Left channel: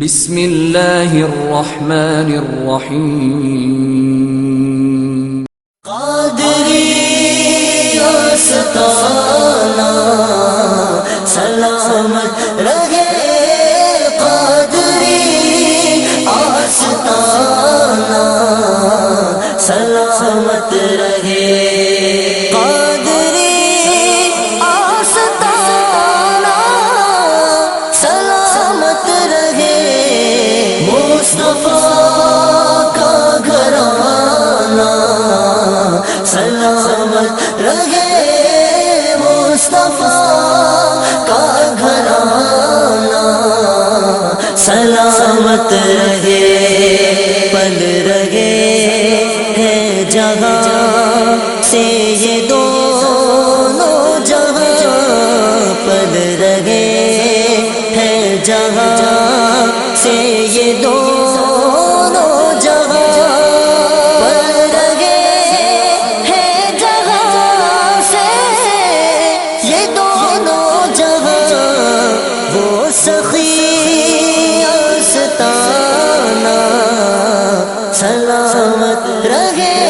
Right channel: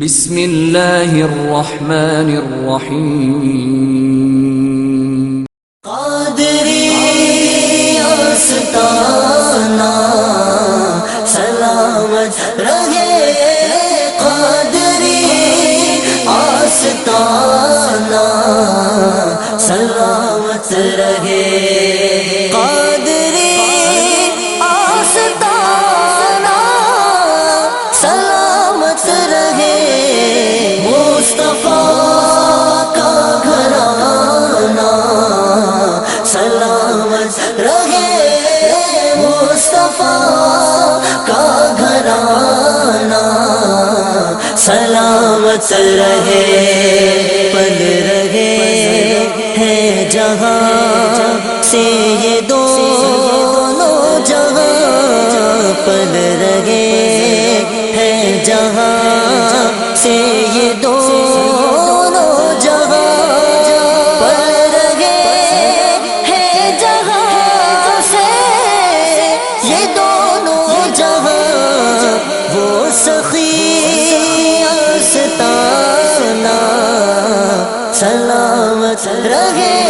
بسم اللہ الرحمن الرحیم قادری آستانہ سلامت رہے، قادری آستانہ سلامت رہے، قادری آستانہ سلامت رہے، مصطفیٰ کا گھرانہ سلامت رہے، مصطفیٰ کا گھرانہ سلامت رہے، پل رہے ہیں جہاں سے یہ دونوں جہاں، پل رہے ہیں جہاں سے یہ دونوں جہاں، پل رہے ہیں جہاں سے یہ دونوں جہاں، وہ سخی آستانہ سلامت رہے،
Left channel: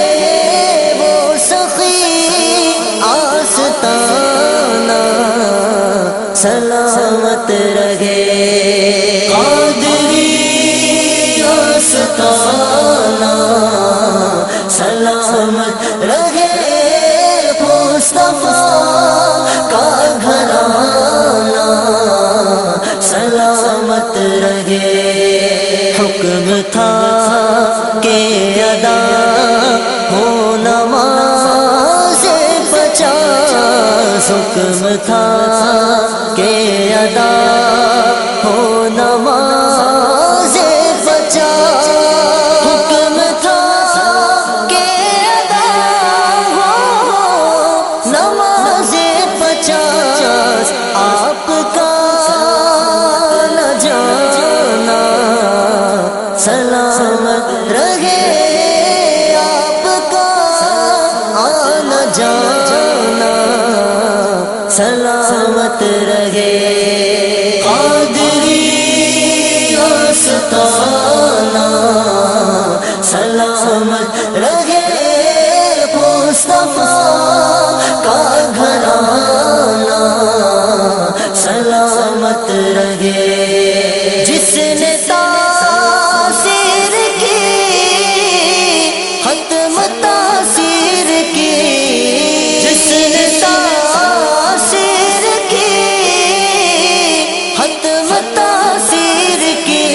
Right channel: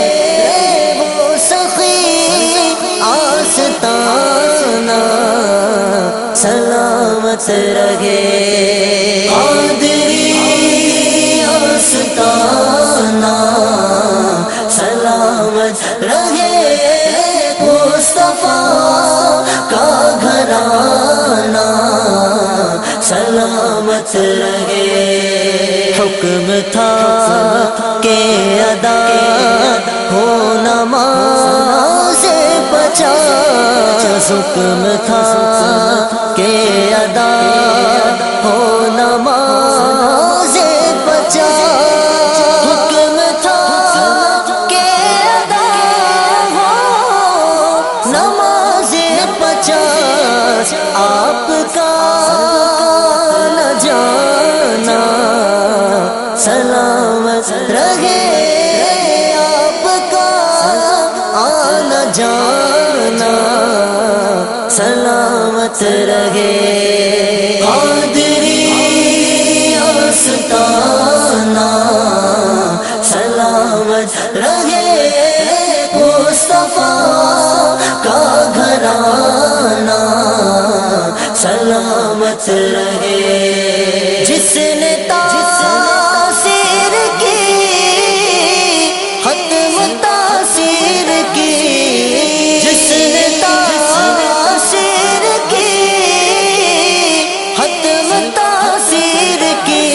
وہ سخی آستانہ سلامت رہے، قادری آستانہ سلامت رہے، مصطفیٰ کا گھرانہ سلامت رہے، حکم تھا کہ ادا ہو نماز 50، حکم تھا کہ ادا ہو نماز 50، حکم تھا کہ ادا ہو نماز 50، آپ کا نہ جانا سلامت رہے، آپ کا آنا جانا سلامت رہے، قادری آستانہ سلامت رہے، مصطفیٰ کا گھرانہ سلامت رہے، جس نے تاثیر کی ختم تاثیر کی، جس نے تاثیر کی ختم تاثیر کی،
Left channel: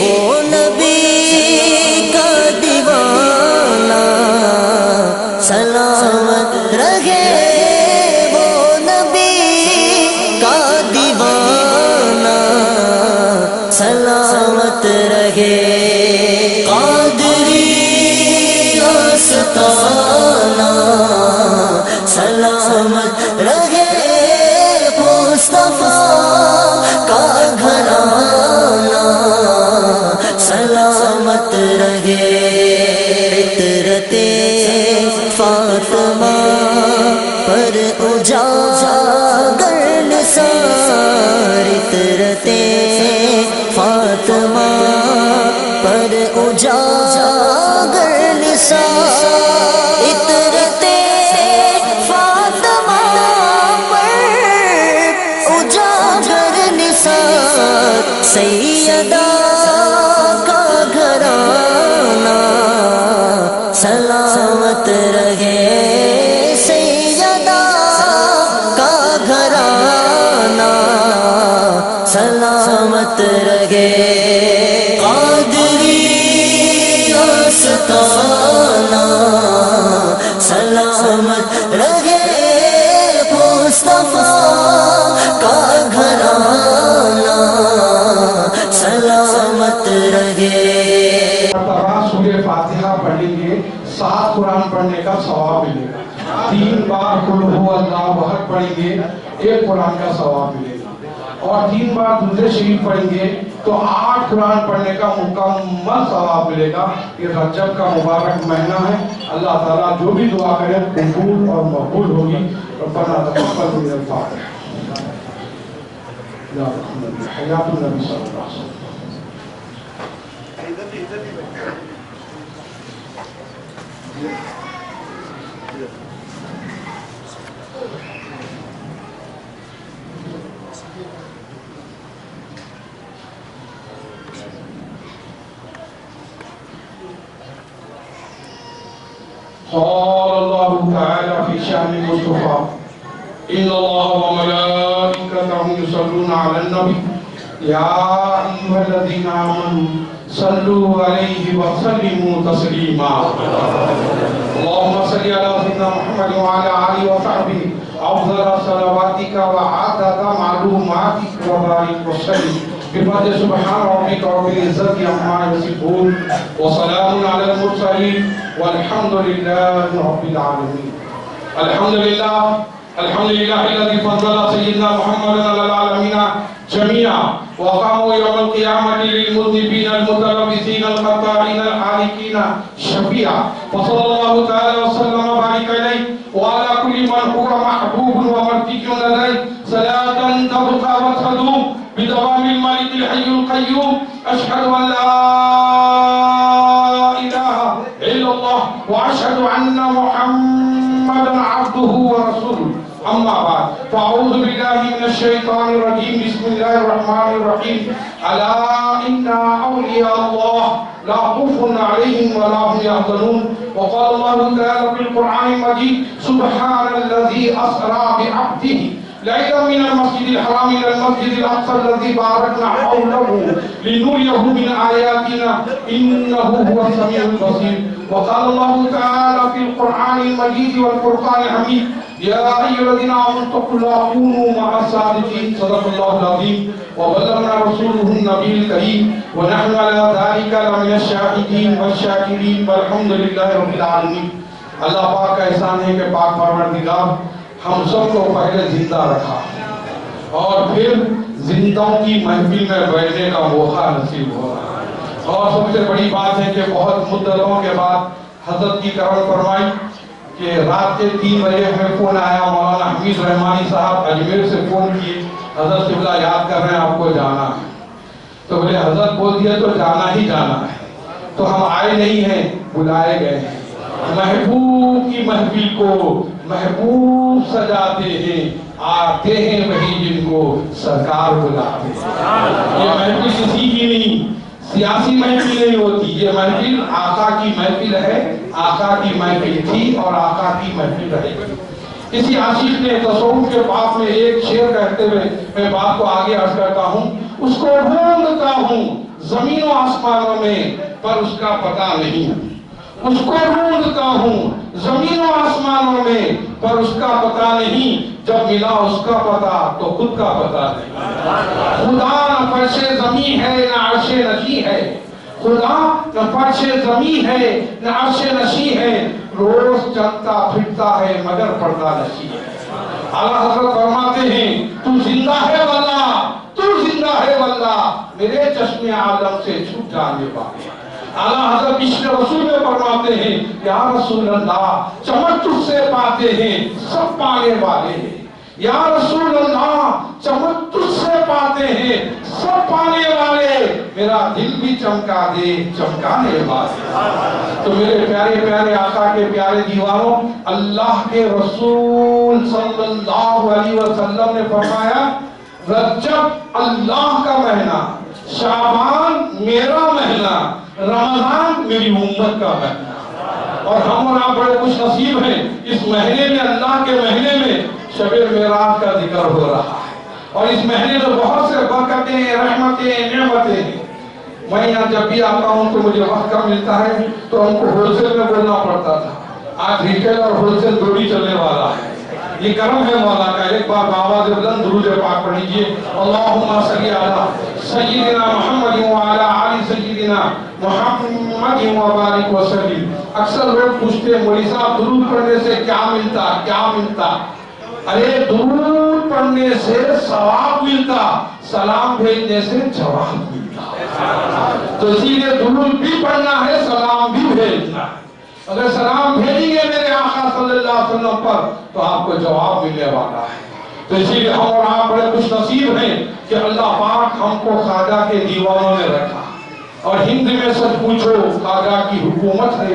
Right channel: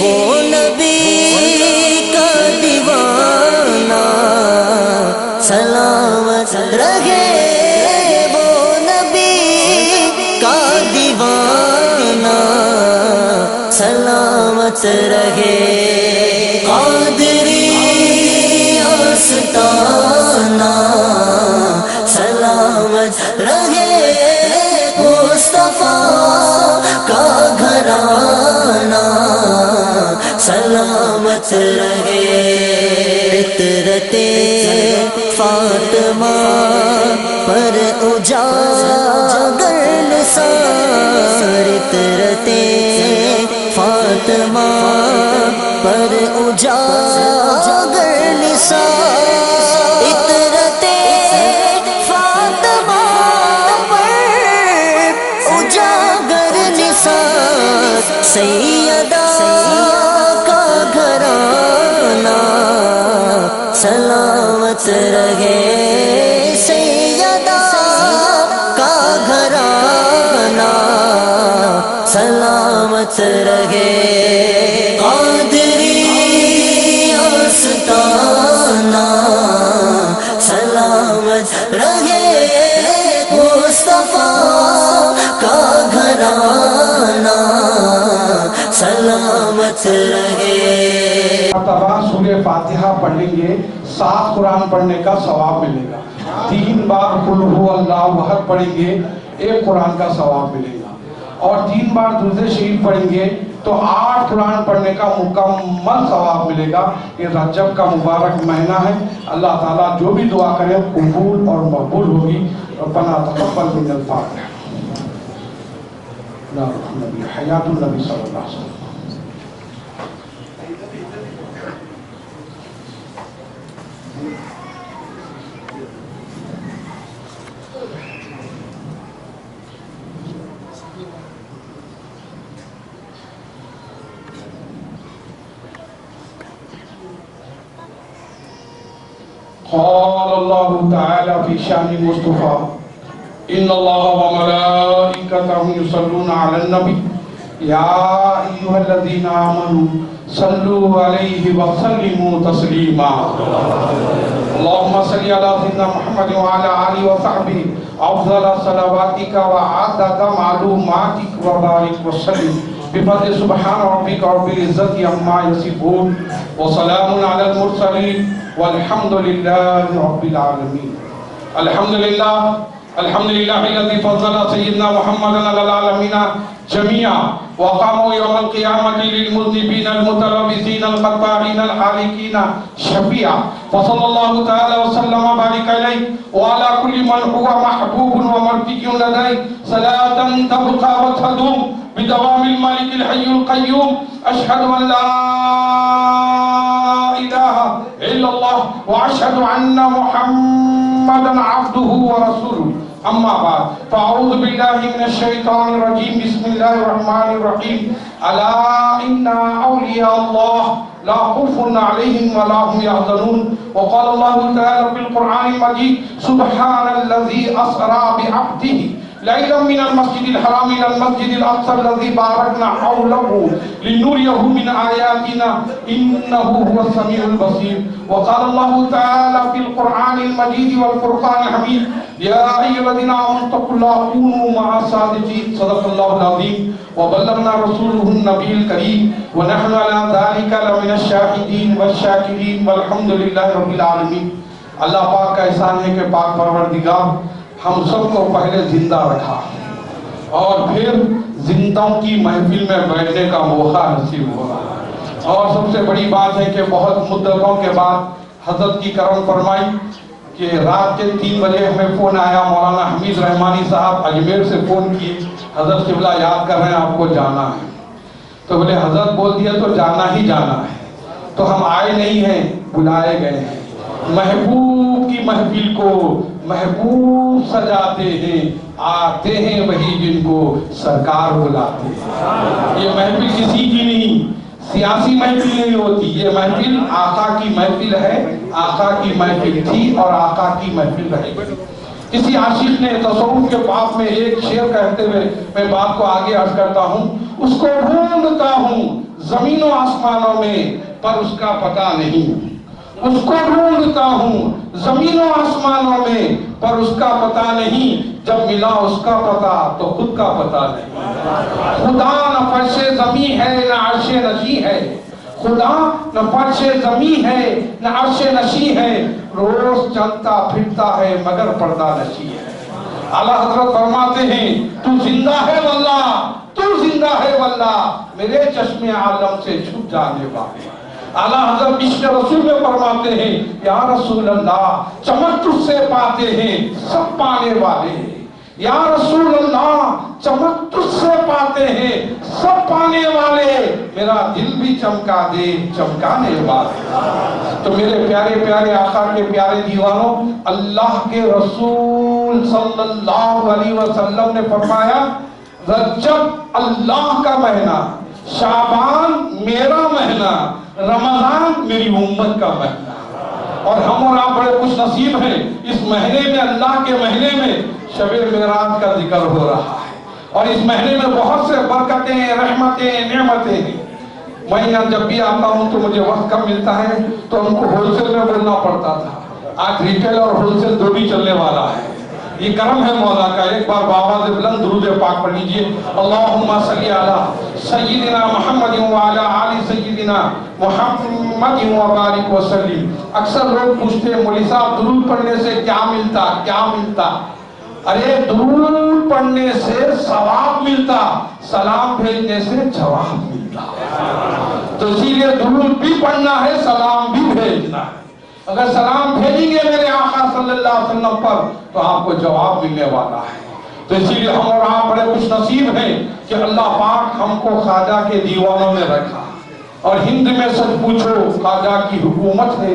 وہ نبی کا دیوانہ سلامت رہے، وہ نبی کا دیوانہ سلامت رہے، قادری آستانہ سلامت رہے، مصطفیٰ کا گھرانہ سلامت رہے، عطرت فاطمہ پر اجاگر نثار، عطرت فاطمہ پر اجاگر نثار، عطرت فاطمہ پر اجاگر نثار، سیدہ کا گھرانہ سلامت رہے، سیدہ کا گھرانہ سلامت رہے، قادری آستانہ سلامت رہے، مصطفیٰ کا گھرانہ سلامت رہے، سورہ فاتحہ پڑھ لیں گے 7 قرآن پڑھنے کا ثواب ملے گا، 3 بار قل هو اللہ احد پڑھیں گے 1 قرآن کا ثواب ملے گا، اور 3 بار درود شریف پڑھیں گے تو 8 قرآن پڑھنے کا مکمل ثواب ملے گا۔ یہ رجب کا مبارک مہینہ ہے، اللہ تعالیٰ جو بھی دعا کرے قبول اور مقبول ہوگی۔ ربنا تقبل منا الفاتحہ، حیات النبی صلی اللہ علیہ وسلم۔ قال الله تعالى في شأن المصطفى إن الله وملائكته يصلون على النبي يا أيها الذين آمنوا صلوا عليه وسلموا تسليما اللهم صل على سيدنا محمد وعلى آله وصحبه أفضل صلواتك وعدد معلوماتك وبارك وسلم بفضل سبحان ربك رب العزة عما يصفون وسلام على المرسلين والحمد لله رب العالمين. الحمد لله الذي فضل سيدنا محمد على العالمين جميعا وقاموا يوم القيامة للمذنبين المتلبسين الخطائين الحالكين شفيعا فصلى الله تعالى وسلم وبارك عليه وعلى كل من هو محبوب ومرتجى لديه صلاة تبقى وتدوم بدوام الملك الحي القيوم. أشهد أن لا إله إلا الله وأشهد أن محمدا عبده ورسوله. أما بعد فأعوذ بالله من الشيطان الرجيم بسم الله الرحمن الرحيم. ألا إن أولياء الله لا خوف عليهم ولا هم يحزنون. وقال الله تعالى في القرآن المجيد سبحان الذي أسرى بعبده ليلا من المسجد الحرام إلى المسجد الأقصى الذي باركنا حوله لنريه من آياتنا إنه هو السميع البصير. وقال الله تعالى في القرآن المجيد والفرقان الحميد يا أيها الذين آمنوا اتقوا الله وكونوا مع الصادقين. صدق الله العظيم وبلغنا رسوله النبي الكريم ونحن على ذلك لمن الشاهدين والشاكرين والحمد لله رب العالمين. اللہ پاک کا احسان ہے کہ پاک پروردگار ہم سب کو پہلے زندہ رکھا اور پھر زندوں کی محفل میں بیٹھنے کا موقع نصیب ہوا. اور سب سے بڑی بات ہے کہ بہت مدتوں کے بعد حضرت کی کرم فرمائی کہ رات کے 3 بجے ہمیں فون آیا. مولانا حمید رحمانی صاحب اجمیر سے فون کیے حضرت قبلہ یاد کر رہے ہیں آپ کو جانا ہے. تو بولے حضرت بول دیا تو جانا ہی جانا ہے. تو ہم آئے نہیں ہیں بلائے گئے ہیں. محبوب کی محفل کو محبوب سجاتے ہیں آتے ہیں وہی جن کو سرکار بلاتے ہیں. یہ محفل کسی کی نہیں سیاسی محفل نہیں ہوتی. یہ محفل آقا کی محفل ہے. آقا کی محفل تھی اور آقا کی محفل رہے. کسی عاشق نے تصوف کے باب میں ایک شعر کہتے ہوئے میں بات کو آگے عرض کرتا ہوں. اس کو ڈھونڈتا ہوں زمین و آسمانوں میں پر اس کا پتہ نہیں. اس کو ڈھونڈتا ہوں زمین و آسمانوں میں پر اس کا پتہ نہیں. جب ملا اس کا پتہ تو خود کا پتہ نہیں. خدا نہ فرش زمین ہے نہ عرش نشی ہے. خدا نہ فرش زمین ہے نہ عرش نشی ہے. روز چلتا پھرتا ہے مگر پردہ نشی ہے. اعلیٰ حضرت فرماتے ہیں تو زندہ ہے واللہ تو زندہ ہے واللہ میرے چشم عالم سے چھپ جانے والے. اعلیٰ حضرت عشق رسول میں فرماتے ہیں یا رسول اللہ چمک تجھ سے پاتے ہیں سب پانے والے ہیں. یا رسول اللہ چمک تجھ سے پاتے ہیں سب پانے والے. میرا دل بھی چمکا دے چمکانے والے. تو میرے پیارے پیارے آقا کے پیارے دیوانوں اللہ کے رسول صلی اللہ علیہ وسلم نے فرمایا رجب اللہ کا مہینہ شعبان میرا مہینہ رمضان میری امت کا مہینہ. اور ہم اور آپ بڑے خوش نصیب ہیں اس مہینے میں اللہ کے مہینے میں شب معراج کا ذکر ہو رہا ہے. اور اس مہینے میں بہت سے برکتیں رحمتیں نعمتیں ہیں. میں یہاں جب بھی آتا ہوں تو مجھے وقت کم ملتا ہے تو ہم کو ہول سیل میں بولنا پڑتا تھا. آج ریٹیل اور ہول سیل دو بھی چلنے والا ہے. یہ کرم ہے مولا کا. ایک بار بابا سے بلند درود پاک پڑھ لیجئے. اللہم صلی علی سیدنا محمد وعلی آل سیدنا محمد وبارک وسلم. اکثر لوگ پوچھتے ہیں مولوی صاحب درود پڑھنے سے کیا ملتا کیا ملتا. ارے درود پڑھنے سے ثواب ملتا سلام بھیجنے سے جواب ملتا. تو اسی لیے درود بھی پڑھنا ہے سلام بھی بھیجنا ہے. اگر سلام بھیجیں گے میرے آقا صلی اللہ علیہ وسلم پر تو آپ کو جواب ملنے والا ہے. تو اسی لیے ہم اور آپ بڑے خوش نصیب ہیں کہ اللہ پاک ہم کو خواجہ کے دیوانوں نے رکھا. اور ہند میں سچ پوچھو خواجہ کی حکومت ہے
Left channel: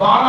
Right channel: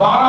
12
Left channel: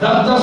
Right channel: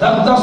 10-10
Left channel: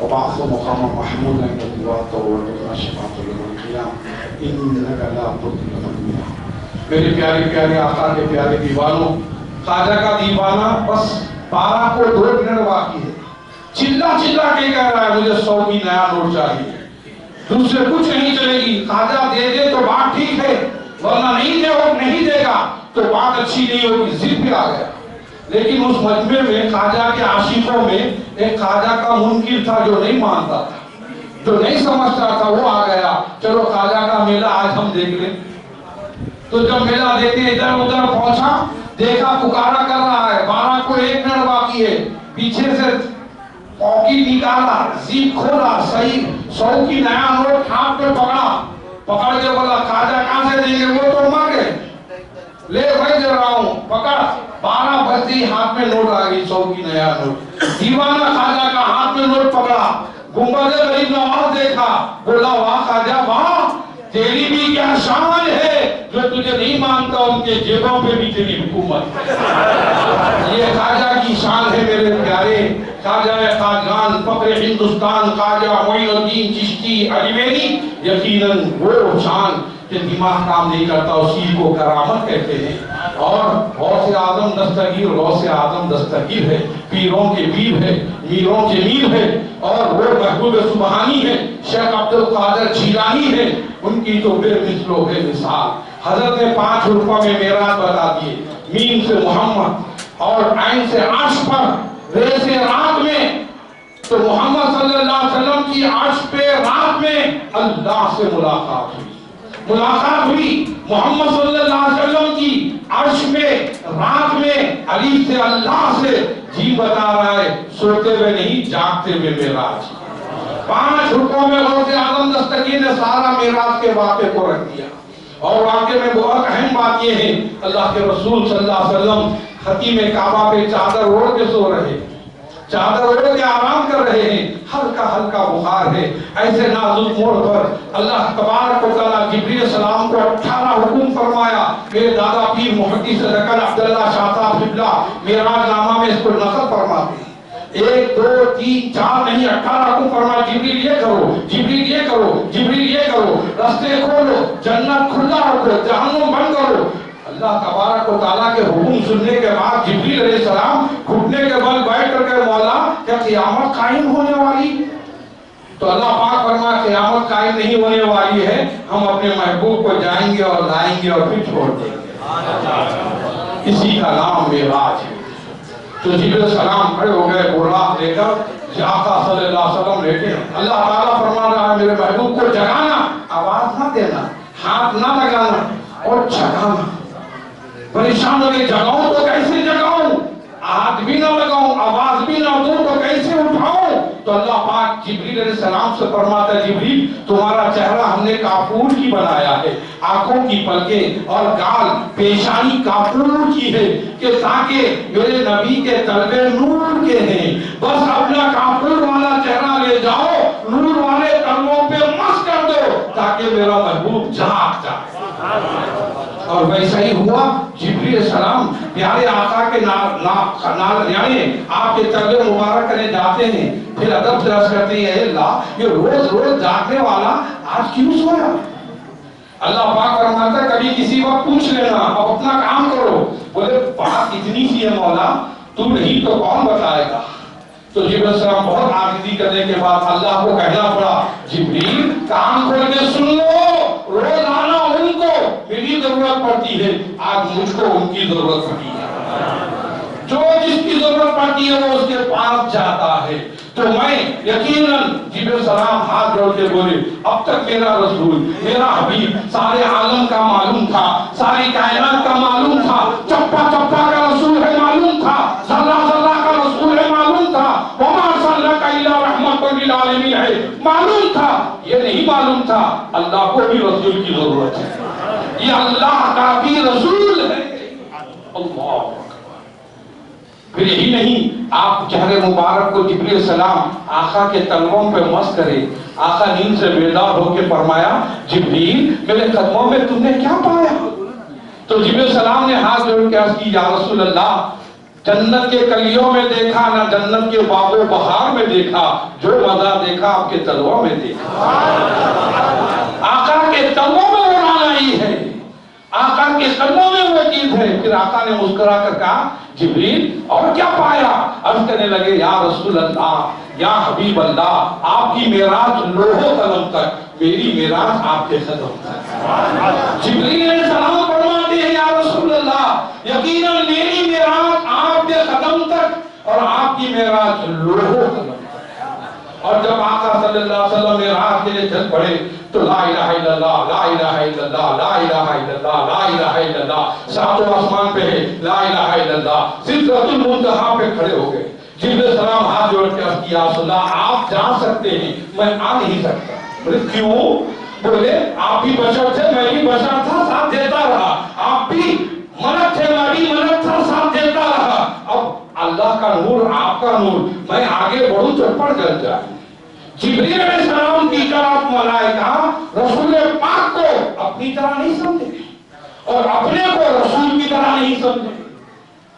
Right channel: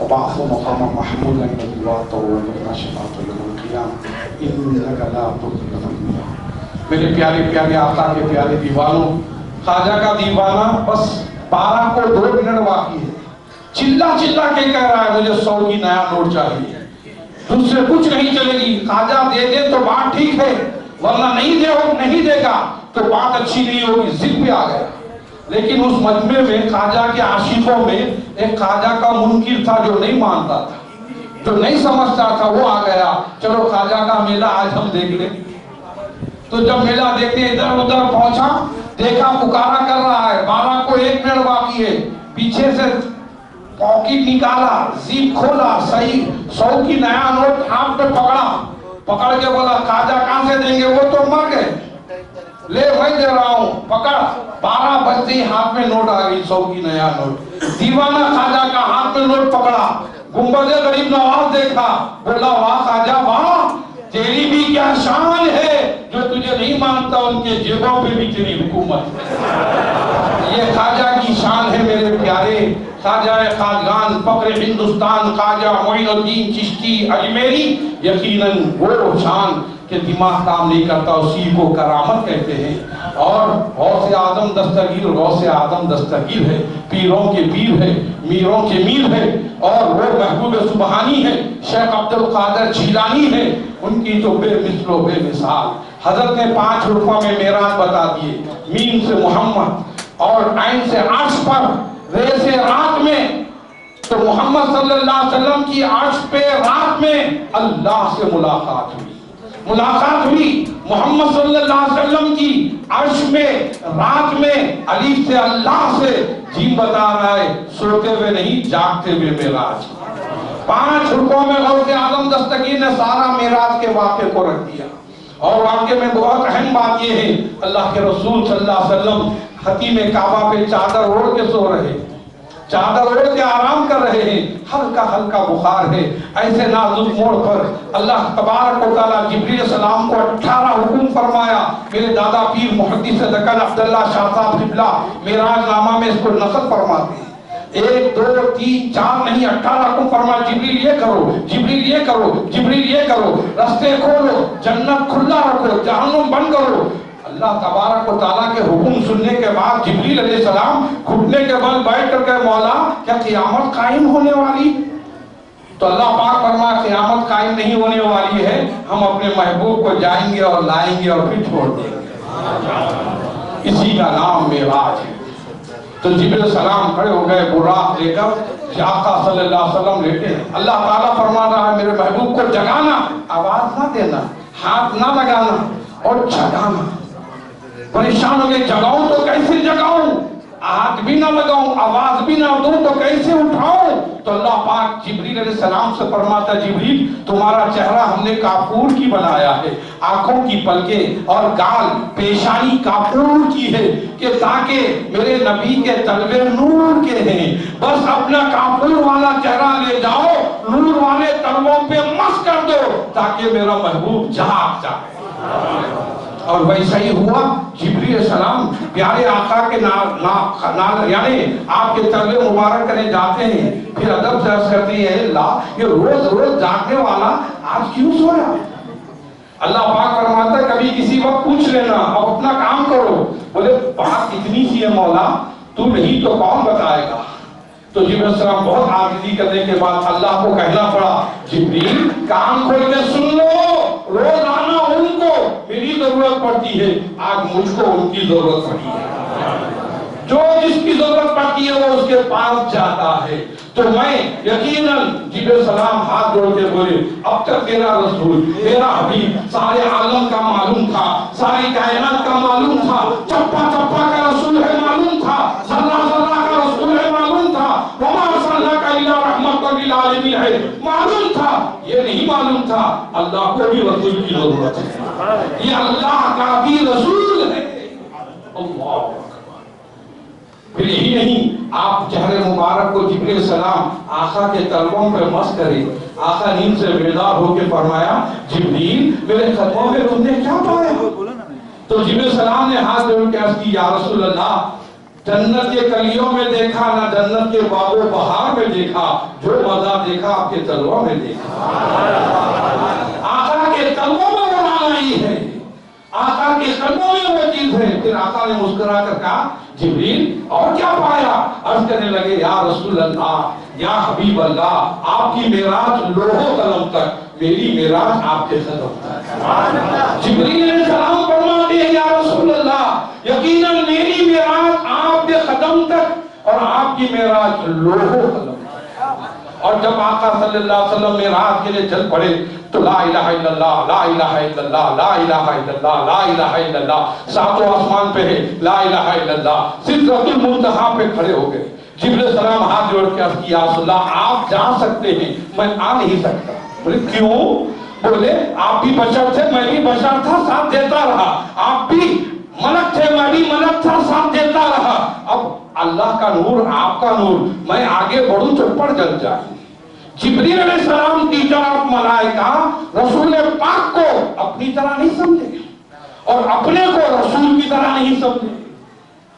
وبعث مقام محمود عند الوقت والذكر شفاعة يوم القيامة إنك لا تضل من يشاء۔ میرے پیارے پیارے آقا کے پیارے دیوانوں، خواجہ کا دیوانہ بس 12 کو 2 منٹ باقی ہے، چلا چلا کے کہہ رہا ہے مجھے 100 کی نیا نوٹ چاہیے، دوسرے کچھ نہیں چلے گی۔ خواجہ دے دے تو بات ٹھیک ہے، ورنہ نہیں دے گا تو بات اچھی نہیں ہوگی، ضد پہ آ گیا۔ لیکن اس مجمع میں خواجہ کے عاشقوں میں ایک خواجہ کا منکر تھا جو نہیں مانتا تھا، جو نہیں سمجھتا تھا، وہ آ گیا، چلو خواجہ کا میلہ آج ہم دیکھ لیں۔ تو جب میلہ دیکھنے ادھر ادھر پہنچا، دیکھا پکارا کر رہا ہے، 12 کو 1 منٹ باقی ہے، پیچھے سے پاکٹ نکالا، زیپ کھولا، صحیح 100 کی نیا نوٹ ہاتھ میں پکڑ کے بولا خواجہ کہاں سے دیں گے؟ وہ تو مر گئے، لے بھائی دے رہا ہوں، پکڑ۔ 12 بجتے ہی ہاتھ میں نوٹ آ گئی، 100 کی نیا نوٹ۔ دیوانہ خواجہ کا ہاتھ میں نوٹ پکڑا، گنبد غریب نواز دیکھا، بولا واہ خواجہ واہ، تیری بھی کیا شان ہے، جو تجھے نہیں مانتا ان کے جیبوں پہ بھی تیری حکومت۔ یہ خواجہ کی شان ہے میرے پیارے۔ خواجہ قادگان فخر ہندوستان خواجہ موئین چشتی اجمیری یقیناً وہ شان کہ دماغ کام نہیں کرتا، اسی کو کرامت کہتے ہیں۔ اور غوث اعظم دستگیر غوث اعظم دستگیر ہے، پیروں کے پیر ہے، میروں کے میر ہے، اور وہ محبوب سبحانی ہے، شیخ عبد القادر جیلانی ہے، ان کی تو بے مثل و بے مثال۔ حضرت نے 5 حروفوں میں معراج بتا دیے، میم سے محمد اور عین سے عرش پر، رے سے رات میں، تو محمد صلی اللہ علیہ وسلم کی عرش پہ رات میں اللہ سے ملاقات ہوئی، محمد صلی اللہ علیہ وسلم کی عرش میں رات میں علی سے اللہ سے جی بتا رہا ہے، سوتے ہوئے نہیں جاگتے ہوئے معراج۔ 5 حروفوں میں غوث اعظم دستگیر نے سارا معراج کے واقعے کو رکھ دیا۔ اور واقعے میں بہت اہم بات یہ ہے، اللہ کے رسول صلی اللہ علیہ وسلم حتیم کعبہ پہ چادر اوڑھ کے سو رہے، چادر اوڑھ کے آرام کر رہے ہیں، ہلکا ہلکا بخار ہے۔ ایسے نازک موڑ پر اللہ تبارک و تعالیٰ جبریل السلام کو 18 حکم فرمایا۔ میرے دادا پیر محدث دکن عبداللہ شاہ صاحب قبلہ معراج نامہ میں اس کو نقل فرماتے ہیں۔ 1 2 3 4 نہیں، 18 حکم فرمایا، جبریل یہ کرو، جبریل یہ کرو، جبریل یہ کرو، راستے کھولو، جنت کھلا رکھو، جہنم بند کرو۔ اللہ تبارک و تعالیٰ کے حکم سننے کے بعد جبریل علیہ السلام گھٹنے کے بل بیٹھ کر کے مولا کیا قیامت قائم ہونے والی؟ تو اللہ پاک فرمایا قیامت قائم نہیں ہونے والی ہے، ہم اپنے محبوب کو جائیں گے اور لائیں گے اور پھر چھوڑ دیں گے۔ اسی کا نام معراج ہے۔ تو جبریل السلام کھڑے ہو گئے، براق لے کر آقا صلی اللہ علیہ وسلم لیٹے ہیں۔ اللہ تعالیٰ فرما رہا ہے میرے محبوب کو جگانا، آواز نہ دینا، ہاتھ نہ لگانا اور جگانا۔ پریشان ہو گئے، جگاؤں تو کیسے جگاؤں، ہاتھ بھی نہ لگاؤں، آواز بھی نہ دوں تو کیسے اٹھاؤں؟ تو اللہ پاک جبریل علیہ السلام سے فرماتا ہے جبریل تمہارا چہرہ ہم نے کافور کی بنایا ہے، آنکھوں کی پلکیں اور گال پیشانی کافور کی ہے کہ تاکہ میرے نبی کے تلوے نور کے ہیں، بس اپنا کافور والا چہرہ لے جاؤ، نور والے تلووں پہ مس کر دو تاکہ میرا محبوب جھاگ جائے۔ اور ویسا ہی ہوا، جبریل علیہ السلام پیارے آقا کے یعنی آپ کے تلوے مبارک کرنے جاتے ہیں، پھر ادب سے عرض کرتے ہیں اے اللہ یہ روز روز جاگنے والا آج کیوں سویا؟ اللہ پاک فرماتا ہے کبھی کسی وقت پوچھ لینا، اب اپنا کام کرو۔ بولے بات اتنی سی ہے مولا، تو نہیں تو کون بتائے گا؟ تو جبریل علیہ السلام بہت عاجزی کرنے کے بعد اللہ کو کہنا پڑا جبریل کان کھول کے سن لو، روزانہ ان کو میری ضرورت پڑتی ہے، آج مجھ کو ان کی ضرورت پڑتی ہے۔ جو جس کی ضرورت پڑتی ہے وہ اس کے پاس جاتا ہے۔ تو میں یقیناً جبریل علیہ السلام ہاتھ جوڑ کے بولے اب تک میرا رسول میرا حبیب سارے عالم کا معلوم تھا، ساری کائنات کا معلوم تھا، چپا چپا کا رسول ہے معلوم تھا، ذرہ ذرہ کا رسول ہے معلوم تھا، وما ارسلناک الا رحمۃ للعالمین ہے معلوم تھا۔ یہ نہیں معلوم تھا اللہ کو بھی رسول کی ضرورت ہے، یہ اللہ کا بھی رسول ہے۔ اللہ پھر یہی نہیں، آپ چہرے مبارک کو جبریل علیہ السلام آقا کے تلووں پہ مس کرے۔ آقا نیند سے بیدار ہو کے فرمایا جبریل میرے قدموں میں تم نے کیا پایا؟ تو جبریل علیہ السلام نے ہاتھ جوڑ کے عرض کی یا رسول اللہ جنت کے کلیوں میں دیکھا نہ جنت کے باغ و بہار میں دیکھا، جو مزہ دیکھا آپ کے تلووں میں دیکھا۔ آقا کے تلووں میں وہ رانائی ہے، آقا کے قدموں میں وہ چیز ہے۔ پھر آقا نے مسکرا کر کہا جبریل اور کیا پایا؟ عرض کرنے لگے یا رسول اللہ یا حبیب اللہ آپ کی معراج لوح و قلم تک، میری معراج آپ کے قدم تک۔ جبریل علیہ السلام فرماتے ہیں یا رسول اللہ یقیناً میری معراج آپ کے قدم تک اور آپ کی معراج لوح و قلم تک۔ اور جب آقا صلی اللہ علیہ وسلم معراج کے لیے چل پڑے تو لا الہ الا اللہ لا الہ الا اللہ لا الہ الا اللہ لا الہ الا اللہ، ساتوں آسمان پہ ہے لا الہ الا اللہ، سدرۃ المنتہا پہ کھڑے ہو گئے۔ جبریل علیہ السلام ہاتھ جوڑ کے عرض کیا رسول اللہ آپ جا سکتے ہیں میں آ نہیں سکتا۔ بولے کیوں؟ بولے آپ بھی بشر تھے میں بھی بشر تھا، ساتھ دیتا رہا، آپ بھی ملک تھے میں بھی ملک تھا، ساتھ دیتا رہا، اب اللہ کا نور آپ کا نور، میں آگے بڑھوں چپڑ جل جائے۔ جبریل علیہ السلام کی طرف ملائکہ رسول پاک کو اپنی طرح نہیں سمجھے اور اپنے کو رسول کی طرح نہیں سمجھے۔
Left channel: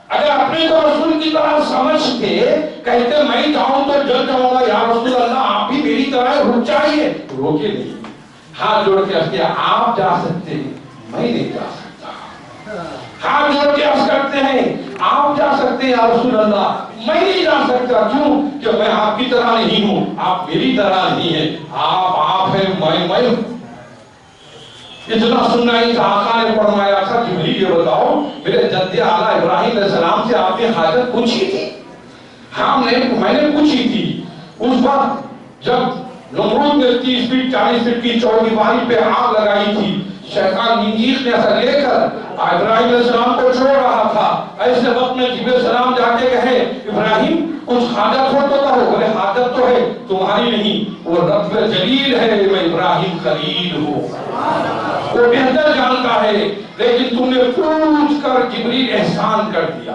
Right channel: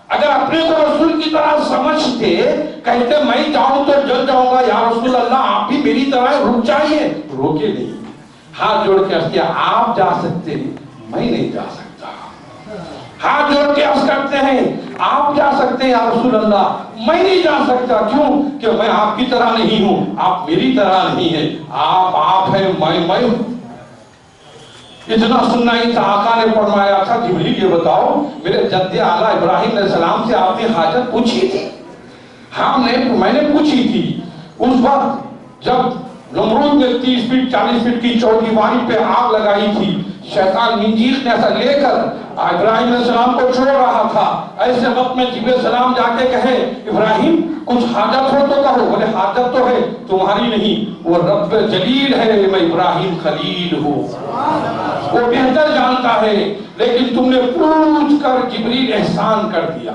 اگر اپنے کو رسول کی طرح سمجھتے کہتے میں جاؤں تو جل جاؤں گا یا رسول اللہ آپ بھی میری طرح رک جائیے، روکے نہیں، ہاتھ جوڑ کے عرض کیا آپ جا سکتے ہیں میں نہیں جا سکتا۔ ہاتھ جوڑ کے عرض کرتے ہیں آپ جا سکتے ہیں یا رسول اللہ میں نہیں جا سکتا، کیوں کہ میں آپ کی طرح نہیں ہوں، آپ میری طرح نہیں ہیں، آپ ہیں میں ہوں۔ اتنا سننا ہی تھا، آقا نے فرمایا تھا جبریل یہ بتاؤ میرے جد اعلیٰ ابراہیم علیہ السلام سے آپ نے حاجت پوچھی تھی؟ ہاں میں نے پوچھی تھی۔ اس وقت جب نمرود نے 30 فٹ 40 فٹ کی چوگیواری پہ آگ لگائی تھی، شیطان منجیق نے ایسا لے کر ابراہیم علیہ السلام کو چھوڑ رہا تھا، ایسے وقت میں جبریل علیہ السلام جا کے کہے ابراہیم کچھ حاجت ہو تو کہو۔ بولے حاجت تو ہے تمہاری نہیں، وہ رب جلیل ہے، میں ابراہیم خلیل ہوں، وہ بہتر جانتا ہے، لیکن تم نے پوچھ کر جبریل احسان کر دیا۔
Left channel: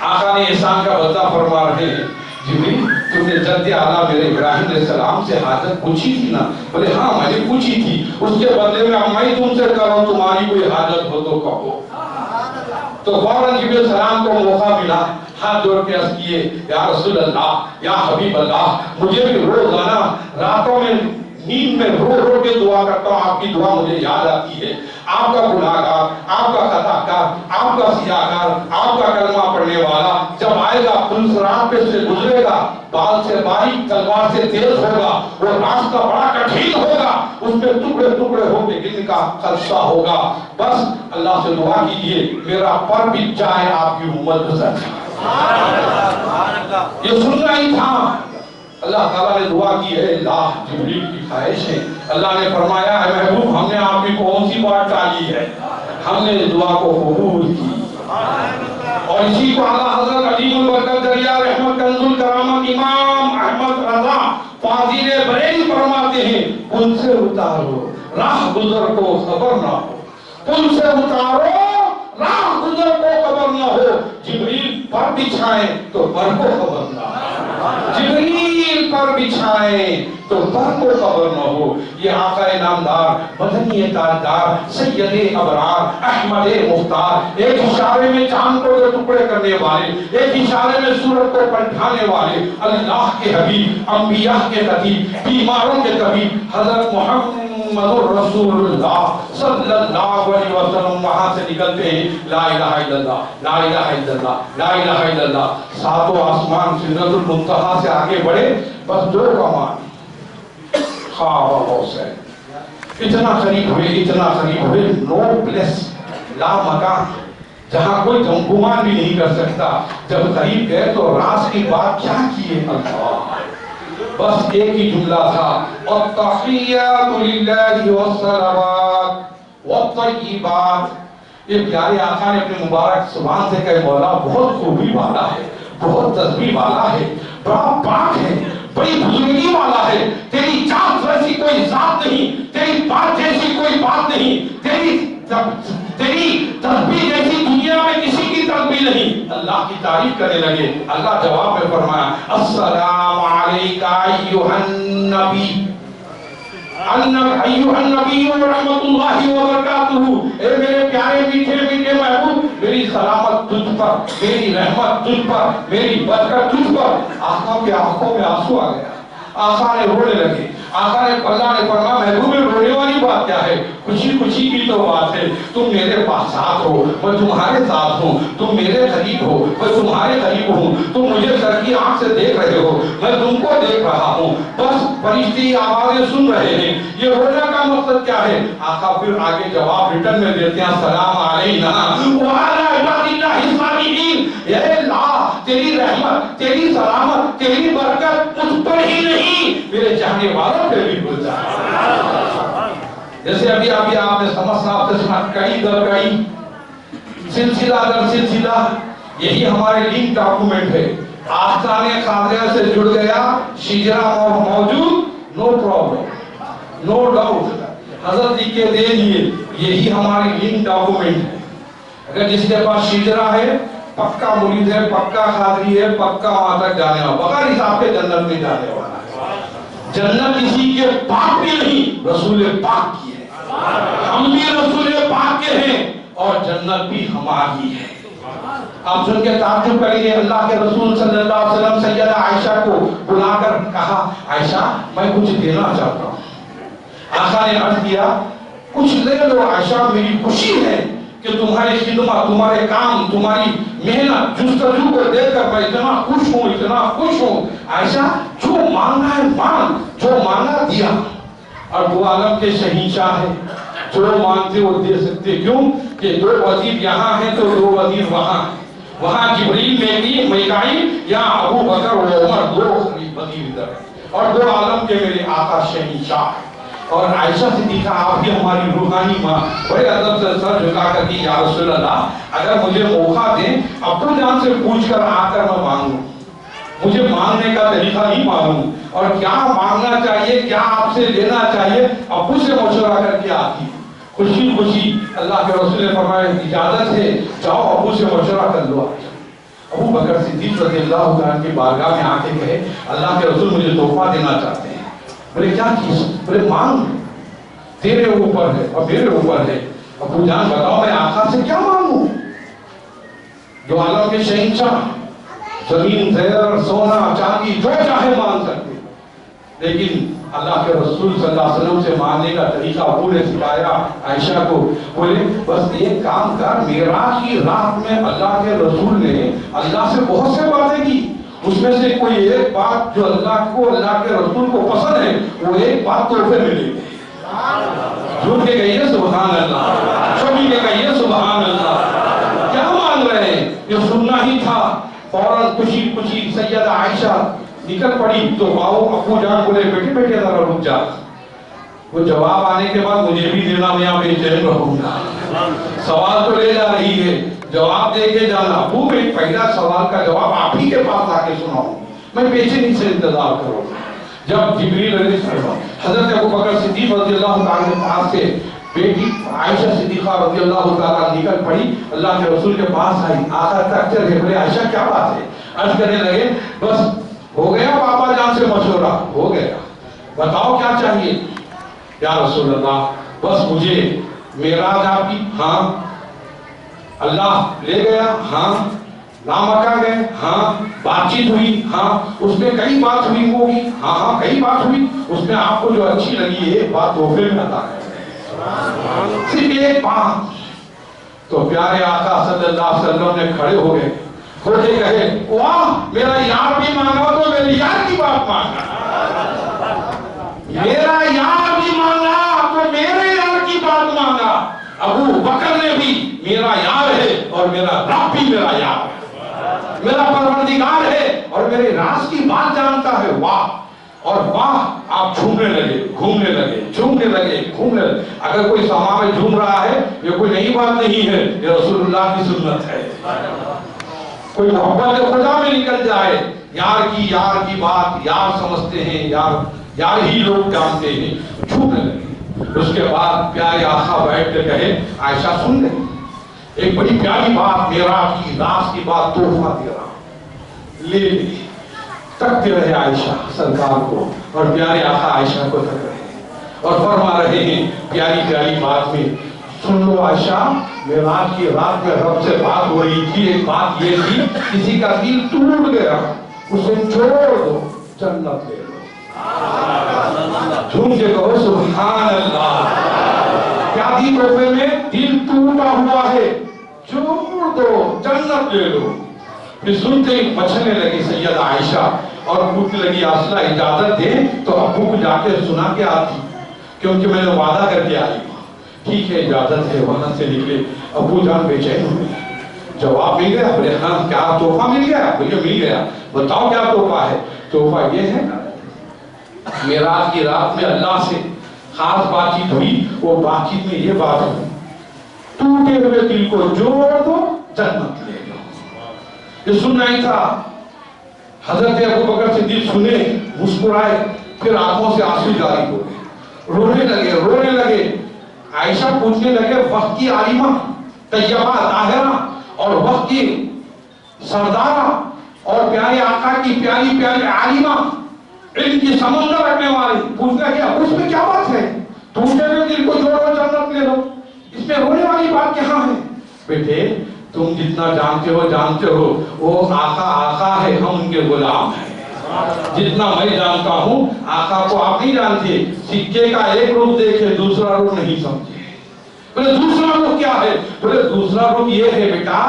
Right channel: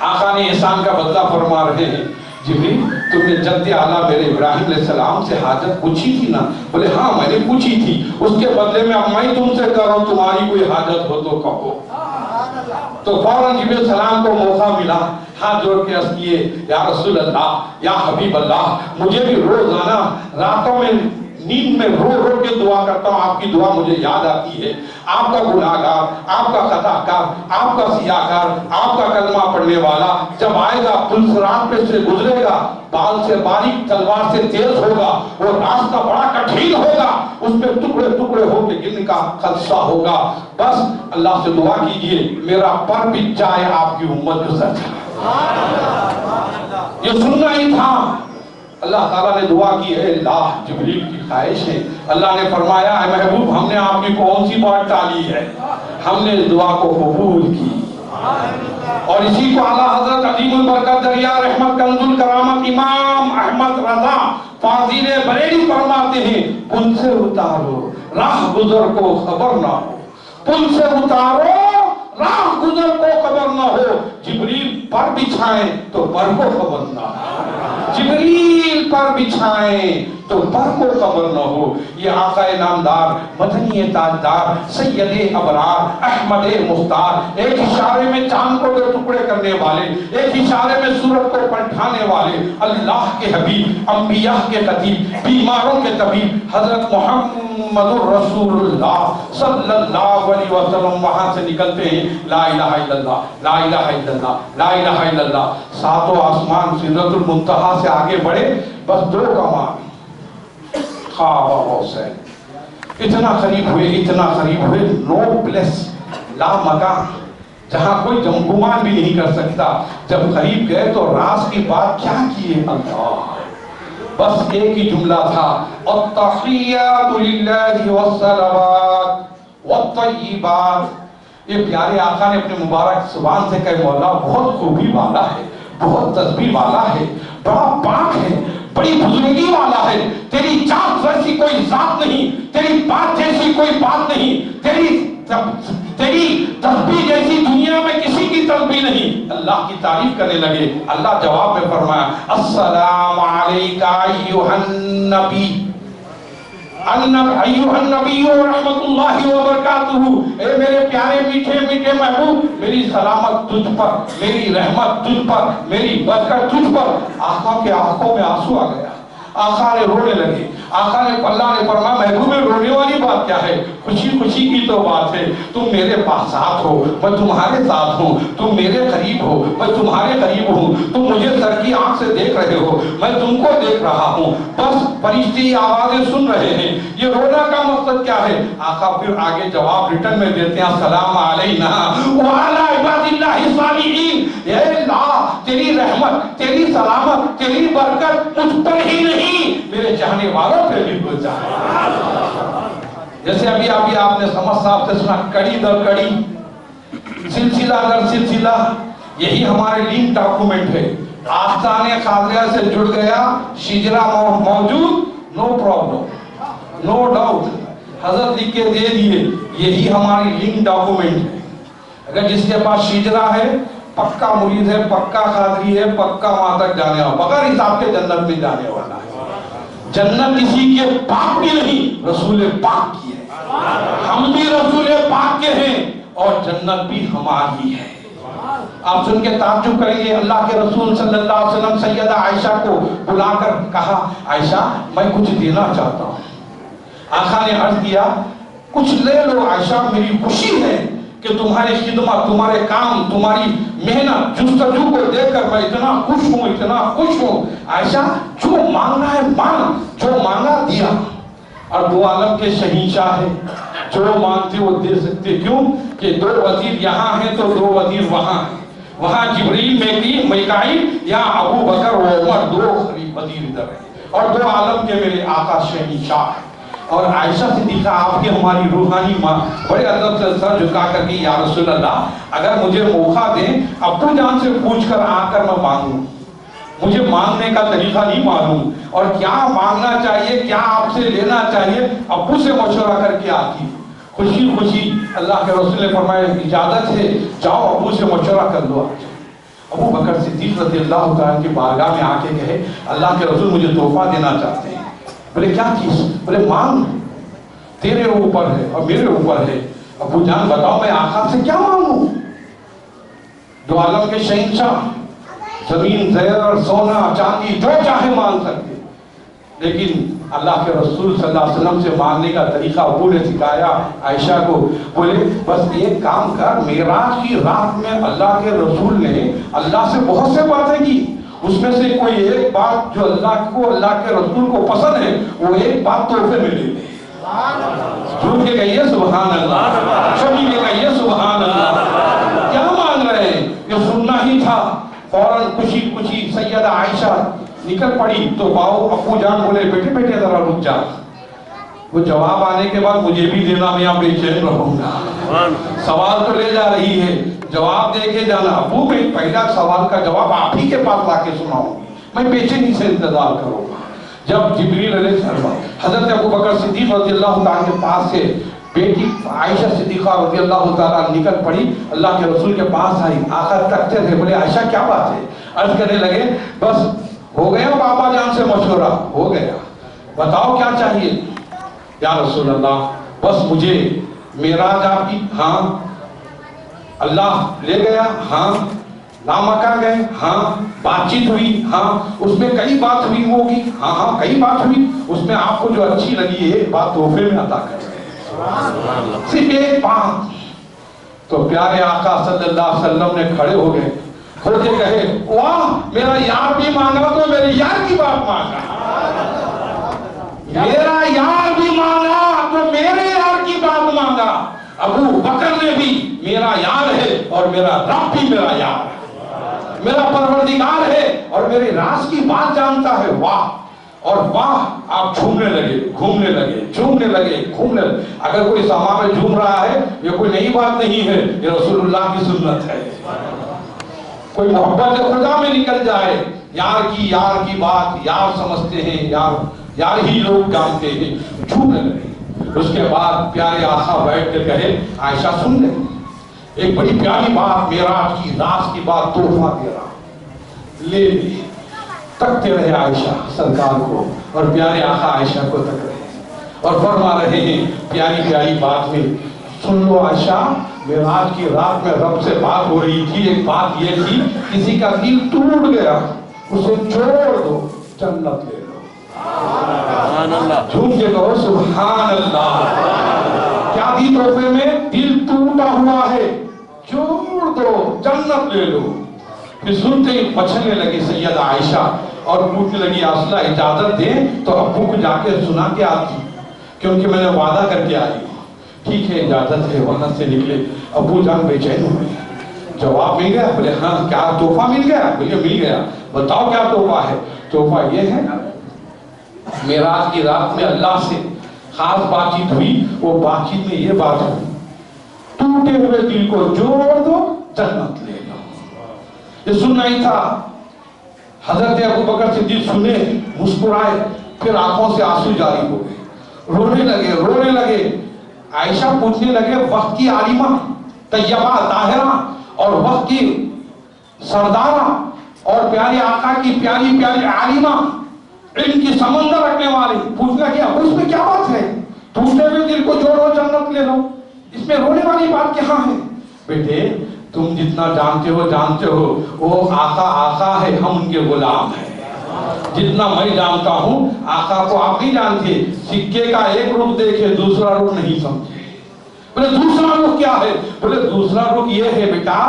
آقا نے احسان کا بدلہ فرما رہے ہیں جبریل تم نے جد اعلیٰ میرے ابراہیم علیہ السلام سے حاجت پوچھی تھی نا؟ بولے ہاں میں نے پوچھی تھی، اس کے بدلے میں اب میں تم سے کہہ رہا ہوں تمہاری کوئی حاجت ہو تو کہو۔ تو فوراً جبریل علیہ السلام کو موقع ملا، ہاتھ جوڑ کے عرض کیے یا رسول اللہ یا حبیب اللہ مجھے بھی روزانہ راتوں میں نیند میں رو رو کے دعا کرتا ہوں، آپ کی دعا مجھے یاد آتی ہے، آپ کا گناہگار، آپ کا خطا کار، آپ کا سیاہکار، آپ کا کلمہ پڑھنے والا جب آئے گا پل صراط پہ سے گزرے گا، بال سے باریک تلوار سے تیز ہوگا، وہ راستہ بڑا کٹھین ہوگا، اس پہ ٹکڑے ٹکڑے ہو کے گرنے کا خدشہ ہوگا، بس اللہ سے دعا کیجئے میرا پر بھی جائے آپ کی امت گزر جائے۔ یہ سننا ہی تھا۔ اللہ تعالیٰ نے دعا کی ہے اللہ جبریل کی خواہش ہے، اللہ نے فرمایا اے محبوب ہم نے آپ کی کون سی بات ٹالی ہے، ہم نے دعا کو قبول کی۔ اور اسی کو اعلیٰ حضرت عظیم البرکت دریا رحمت کنز الکرامت امام احمد رضا فاضل بریلی فرماتے ہیں پل سے اتارو راہ گزر کو خبر نہ ہو، پل سے اتارو راہ گزر کو خبر نہ ہو، جبریل پر بچھائیں تو پر کو خبر نہ ہو، جبریل پر بچھائیں تو پر کو خبر نہ ہو۔ یہ آقا نامدار مدنی تاجدار سید ابرار احمد مختار، ایک اشارے میں چاند کو ٹکڑے کرنے والے، ایک اشارے میں سورج کو پلٹانے والے، اللہ کے حبیب، انبیاء کے خطیب، بیماروں کے طبیب حضرت محمد رسول اللہ صلی اللہ علیہ وسلم وہاں سے نکلتے ہیں، لا الہ الا اللہ، لا الہ الا اللہ، لا الہ الا اللہ، ساتوں آسمان سدرۃ المنتہا سے آگے بڑھے، بس دو کمان خواب حسین، اتنا قریب ہوئے، نو پلیس، لا مکان، جہاں کوئی گمان بھی نہیں کر سکتا۔ جب قریب گئے تو راز کی بات کیا کیے اللہ، بس ایک ہی جملہ تھا، التحیات للہ والصلوات والطیبات۔ یہ پیارے آقا نے اپنے مبارک زبان سے کہے مولا بہت خوبی والا ہے، بہت تسبیح والا ہے، بڑا پاک ہے، بڑی بزرگی والا ہے، تیری ذات جیسی کوئی ذات نہیں، تیری بات جیسی کوئی بات نہیں، تیری تسبیح جیسی دنیا میں کسی کی تسبیح نہیں۔ اللہ کی تعریف کرنے لگے، اللہ جواب میں فرمایا السلام علیکہ ایھا النبی، ایھا النبی ورحمۃ اللہ وبرکاتہ، اے میرے پیارے میٹھے میٹھے محبوب، میری سلامت تجھ پر، میری رحمت تجھ پر، میری برکت تجھ پر۔ آقا کے آنکھوں میں آنسو آ گیا، آقا نے رونے لگے، آقا نے اللہ نے فرمایا محبوب میں رونے والی بات کیا ہے، خوشی خوشی کی تو بات ہے، تم میرے پاس ساتھ ہو، میں تمہارے ساتھ ہوں، تم میرے قریب ہو، میں تمہارے قریب ہوں، تم مجھے سر کی آنکھ سے دیکھ رہے ہو، میں تم کو دیکھ رہا ہوں، بس فرشتی آوازیں سن رہے ہیں، یہ رونا کا مقصد کیا ہے؟ آقا پھر آگے جواب ریٹن میں دیتے ہیں السلام علینا وعلی عباد اللہ الصالحین، اے اللہ تیری رحمت، تیری سلامت، تیری برکت مجھ پر ہی نہیں میرے چاہنے والوں پہ بھی گزر جائے۔ جیسے ابھی آپ نے سمجھ صاحب سے سنا کڑی در کڑی، سلسلہ در سلسلہ، یہی ہمارے لنک ڈاکومنٹ ہے۔ آستان خاضرہ سے جڑ گیا، شجرہ موجود، نو پرابلم، نو ڈاؤٹ، حضرت لکھ کے دے دیے، یہی ہماری لنک ڈاکومنٹ ہے۔ اگر جس کے پاس شجرہ ہے، پکا مرید ہے، پکا خاضری ہے، پکا وہاں تک جانے والا، بغیر حساب کے جنت میں جانے والا ہے۔ جنت کسی کے پاک بھی نہیں، رسول پاک کی ہے، ہم بھی رسول پاک کے ہیں اور جنت بھی ہماری ہے۔ آپ سن کے تعجب کریں گے، اللہ کے رسول صلی اللہ علیہ وسلم سیدہ عائشہ کو بلا کر کہا عائشہ میں کچھ دینا چاہتا ہوں۔ آقا نے عرض کیا کچھ لے لو عائشہ، میری خوشی ہے کہ تمہاری خدمت، تمہارے کام، تمہاری محنت، جستجو کو دیکھ کر میں اتنا خوش ہوں۔ عائشہ جو مانگا ہے مانگ، جو مانگا دیا، اور دو عالم کے شہنشاہ ہے، جو مانگتے وہ دے سکتے، کیوں کہ دو وزیر یہاں ہیں تو دو وزیر وہاں ہیں، وہاں جبریل میکائیل، یہاں ابو بکر و عمر، دو وزیر ادھر ہیں، اور دو عالم کے میرے آقا شہنشاہ ہیں۔ اور عائشہ صدیقہ آپ کی ہماری روحانی ماں بڑے ادب سے سر جھکا کر کہ یا رسول اللہ اگر مجھے موقع دیں ابو جان سے پوچھ کر آ کر میں مانگوں، مجھے مانگنے کا طریقہ نہیں معلوم، اور کیا مانگنا چاہیے، کیا آپ سے لینا چاہیے، ابو سے مشورہ کر کے آتی۔ خوشی خوشی اللہ کے رسول نے فرمایا اجازت ہے، جاؤ ابو سے مشورہ کر لو۔ ابو بکر صدیق رضی اللہ تعالیٰ کی بارگاہ میں آ کے کہے اللہ کے رسول مجھے تحفہ دینا چاہتے ہیں۔ بولے کیا چیز؟ بولے مانگ، تیرے اوپر ہے اور میرے اوپر ہے۔ ابو جان بتاؤ میں آقا سے کیا مانگوں؟ دو عالم کے شہنشاہ، زمین زیر سونا چاندی جو چاہے مانگ سکتے، لیکن اللہ کے رسول صلی اللہ علیہ وسلم سے مانگنے کا طریقہ ابو نے سکھایا عائشہ کو۔ بولے بس ایک کام کر، معراج کی رات میں اللہ کے رسول نے اللہ سے بہت سے باتیں کی، اس میں سے کوئی ایک بات جو اللہ کے رسول کو پسند ہے، وہ ایک بات تحفے میں لے گئے۔ جھوٹ کے کہیے سبحان اللہ، چھپی کے کہیے سبحان اللہ۔ کیا مان رہے ہیں؟ یہ سننا ہی تھا۔ فوراً خوشی خوشی سیدہ عائشہ نکل پڑی تو ابو جان بولے بیٹے بیٹے ذرا رک جا، وہ جواب آنے کے بعد مجھے بھی دینا، میں یہاں بے چین رہوں گا۔ سوال تو لے جا رہی ہے، جواب دے کے جانا۔ ابو میں پہلا سوال کا جواب آپ ہی کے پاس لا کے سناؤں گی، میں بے چینی سے انتظار کروں گا جب جبریل علیہ السلام حضرت ابوبکر صدیق رضی اللہ تعالیٰ کے پاس سے بیٹی عائشہ صدیقہ رضی اللہ تعالیٰ نکل پڑی، اللہ کے رسول کے پاس آئی، آقا تکتے رہے، بولے عائشہ کیا بات ہے؟ عرض کرنے لگے بس ہو گیا بابا جان سے مشورہ، ہو گیا، بتاؤ کیا چاہیے؟ یا رسول اللہ بس مجھے معراج آپ کی، ہاں اللہ لے گیا، ہاں لامکہ گئے، ہاں بات چیت ہوئی، ہاں اس میں کئی بات ہوئی ہوگی، ہاں ہاں کئی بات ہوئی، اس میں آپ کو جو اچھی لگی ہے بات تحفے میں عطا کریں، صرف ایک بات۔ تو پیارے آقا صلی اللہ علیہ وسلم نے کھڑے ہو گئے، کھڑے کہے واہ میرا یار بھی مانگا تو میرے یار کی بات مانگا، میرا یار بھی مانگا تو میرے یار کی بات مانگا۔ ابو بکر نے بھی میرا یار ہے اور میرا رب بھی میرا یار ہے، میرا پروردگار ہے اور میرے راز کی بات جانتا ہے، واہ اور واہ۔ آپ جھومنے لگے، گھومنے لگے، جھومنے لگے، گھومنے لگے۔ اگر کوئی سما میں جھوم رہا ہے یہ کوئی نئی بات نہیں ہے، یہ رسول اللہ کی سنت ہے۔ کوئی محبت خدا میں نکل جائے، یار کی بات یار سمجھتے ہیں، یار ہی لوگ جانتے ہیں، جھومنے لگے۔ اس کے بعد پیارے آقا بیٹھ کے کہے عائشہ سن لے، ایک بڑی پیاری بات، معراج کی راز کی بات تحفہ دے رہا ہوں، لے لے۔ تکتے رہے عائشہ سرکار کو اور پیارے آقا عائشہ کو تک رہے اور فرما رہے ہیں پیاری پیاری بات میں، سن لو عائشہ معراج کی رات میں رب سے بات ہو رہی تھی، ایک بات یہ تھی کسی کا دل ٹوٹ گیا اسے چھوڑ دو جنت لے لو۔ جھوم کے کہو سبحان اللہ۔ کیا دی تحفے میں؟ دل ٹوٹا ہوا ہے، چھوڑ دو جنت لے لو۔ پھر سنتے ہی مچھلنے لگی سیدہ عائشہ اور پوچھنے لگی آسلہ اجازت دیں تو ابو کو جا کے سنا کے آتی، کیونکہ میں نے وعدہ کر کے آئی ہوں۔ ٹھیک ہے اجازت ہے، وہاں سے نکلے، ابو جان بے چین ہوئے، جواب مل گیا؟ بولے ہاں۔ کیا تحفہ مل گیا؟ بولے مل گیا۔ بتاؤ کیا تحفہ ہے؟ تحفہ یہ ہے معراج کی رات میں اللہ سے خاص بات چیت ہوئی، وہ بات چیت میں یہ بات ہوئی ٹوٹے ہوئے دل کو جوڑ دو جنت لے لو۔ یہ سننا ہی تھا۔ حضرت ابوبکر صدیق سنے، مسکرائے، پھر آنکھوں سے آنسو جاری ہو گئے، رونے لگے۔ عائشہ پوچھنے لگے وقت کی عالمہ طیبہ طاہرہ اور وقت کی سردارہ اور پیارے آقا کی پیاری پیاری عالمہ، علم کی سمندر رکھنے والی، پوچھنا کیا اس میں کیا بات ہے؟ ٹوٹے ہوئے دل کو جوڑو جنت لے لو، اس میں رونے والی بات کہاں ہے؟ بیٹے تم جتنا جانتے ہو وہ آقا ہے، ہم ان کے غلام ہیں۔ جتنا میں جانتا ہوں آقا کو آپ نہیں جانتے، سکے کا ایک رخ دیکھے دوسرا رخ نہیں سمجھے۔ بولے دوسرا رخ کیا ہے؟ بولے دوسرا رخ یہ ہے بیٹا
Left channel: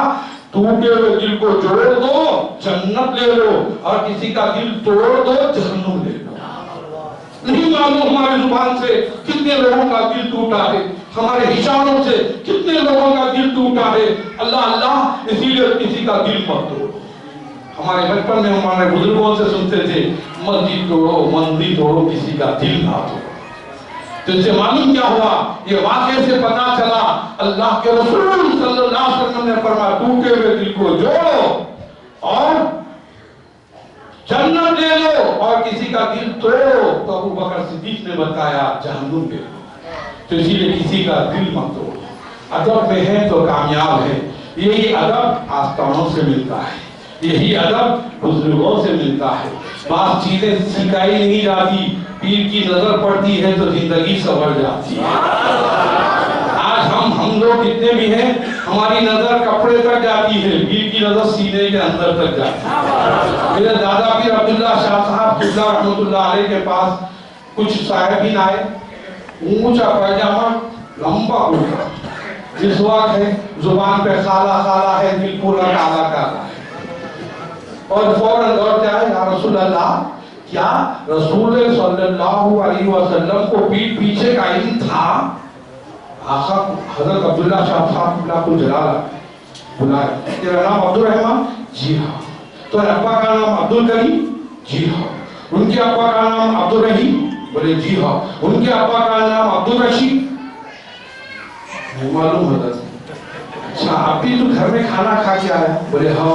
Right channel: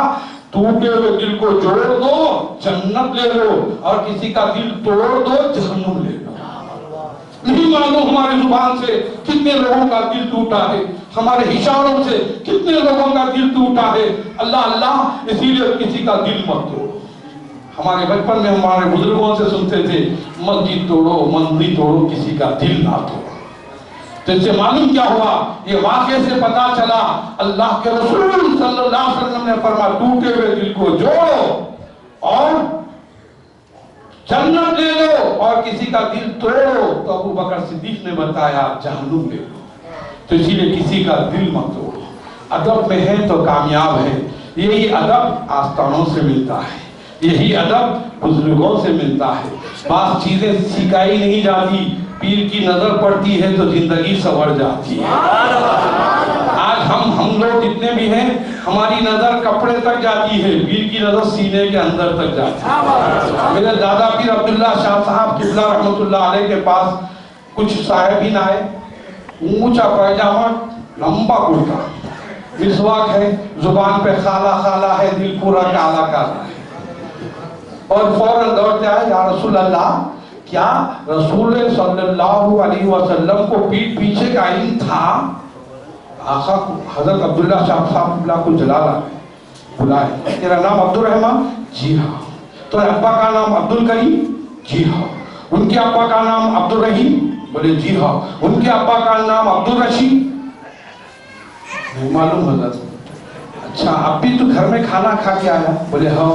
ٹوٹے ہوئے دل کو جوڑ دو جنت لے لو اور کسی کا دل توڑ دو جہنم لے لو۔ نہیں معلوم ہماری زبان سے کتنے لوگوں کا دل ٹوٹا ہے، ہمارے اشاروں سے کتنے لوگوں کا دل ٹوٹا ہے۔ اللہ اللہ، اسی لیے کسی کا دل مت توڑو۔ ہمارے بچپن میں ہمارے بزرگوں سے سنتے تھے مسجد توڑو مندر توڑو کسی کا دل نہ توڑو۔ تو اس سے معلوم کیا ہوا؟ یہ واقعے سے پتا چلا اللہ کے رسول صلی اللہ علیہ وسلم نے فرمایا ٹوٹے ہوئے دل کو جوڑو اور جنت لے لو اور کسی کا دل توڑو تو ابو بکر صدیق نے بتایا جہنم لے لو۔ تو اسی لیے کسی کا دل مت توڑو۔ ادب میں ہے تو کامیاب ہے۔ یہی ادب آستانوں سے ملتا ہے، یہی ادب بزرگوں سے ملتا ہے۔ بعض چیزیں سکھائی نہیں جاتی، پیر کی نظر پڑتی ہے تو زندگی سنور جاتی ہے۔ آج ہم لوگ جتنے بھی ہیں ہماری نظر کپڑے تک جاتی ہے، پیر کی نظر سینے کے اندر تک جاتی ہے۔ میرے دادا پیر عبداللہ شاہ صاحب قبلہ رحمۃ اللہ علیہ کے پاس کچھ صاحبین آئے، اونچا پائجامہ لمبا کرتا، مسواک ہے، زبان پہ خالہ خالہ ہے، دل پورا کالا کالا ہے، اور فوراً دوڑتے آئے یا رسول اللہ کیا رسول صلی اللہ علیہ وسلم کو پیٹ پیچھے کا علم تھا؟ آقا حضرت عبداللہ شاہ صاحب قبلہ کو جلالہ بلائے، تیرا نام عبد الرحمن؟ جی ہاں۔ تو ابا کا نام عبد الکریم؟ جی ہاں۔ ان کے ابا کا نام عبد الرحیم؟ بولے جی ہاں۔ ان کے ابا کا نام عبد الرشید؟ نہیں معلوم حضرت۔ اچھا اب بھی تو گھر میں کھانا کھا کے آیا؟ بولے ہاں۔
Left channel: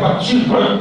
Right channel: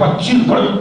25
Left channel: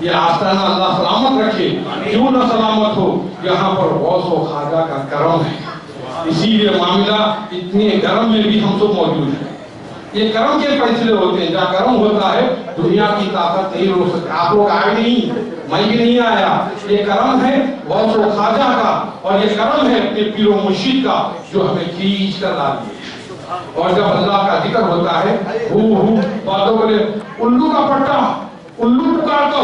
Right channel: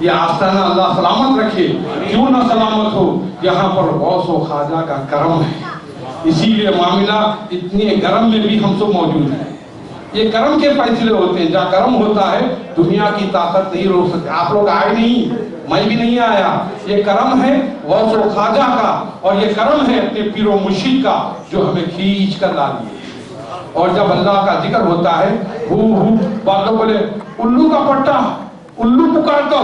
یہ آستانہ اللہ سلامت رکھے، کیوں نہ سلامت ہو، یہاں پر غوث و خواجہ کا کرم ہے، اسی لیے معاملہ اتنے گرم میں بھی ہم سب موجود ہیں۔ یہ کرم کے فیصلے ہوتے ہیں، جہاں کرم ہوتا ہے دنیا کی طاقت نہیں روک سکتے۔ آپ لوگ آئے نہیں، میں بھی نہیں آیا، یہ کرم ہے غوث و خواجہ کا، اور یہ کرم ہے اپنے پیر و مرشد کا جو ہمیں کھینچ کر لا دیے۔ اور جب اللہ کا ذکر ہوتا ہے، باتوں بولے الو کا پٹا، الو پکارتا